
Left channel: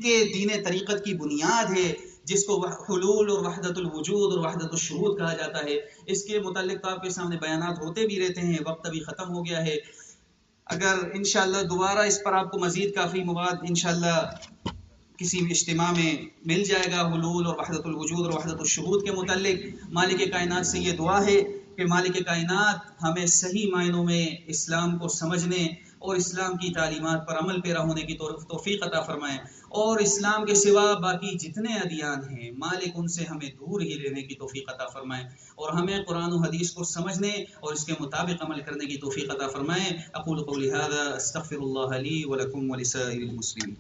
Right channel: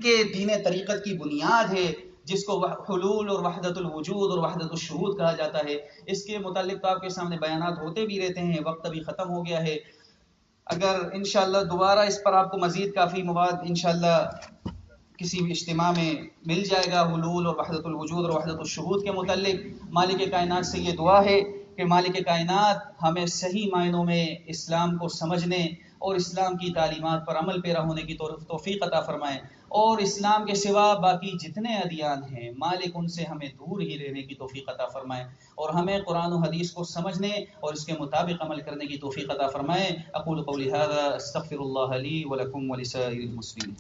کے دین طریقت کی بنیاد ہے، جس کو حلول اور وحدت الوجود اور وحدت الشہود کہا جاتا ہے. اس کے متعلق تو آپ کے سامنے بیانات ہوتے بھی رہتے ہیں، وقت ابھی ختم ہو گیا ہے. اگر انشاءاللہ دوبارہ اس پر آپ کو مزید کافی مواد انشاءاللہ کسی اجتماع میں مل جائے گا حلول اور وحدت الوجود اور وحدت الشہود کے متعلق. مالک کائنات سے یہ دعا ہے کہ مالک کائنات ہمیں صحیح معنوں میں اسلام کو سمجھنے اور اسلام کی تعلیمات پر عمل پیرا ہونے کی توفیق عطا فرمائیں، اور اسلام کے سوا باقی جتنے ادیان ہیں مالک ان سے ہمیں دور ہی رہنے کی توفیق عطا فرمائیں، اور ہمیں قرآن و حدیث کو سمجھنے اور اس کے مطابق عمل کرنے کی توفیق عطا فرمائیں. اقول قولی هذا استغفر اللہ لی ولکم ولسائر المسلمین.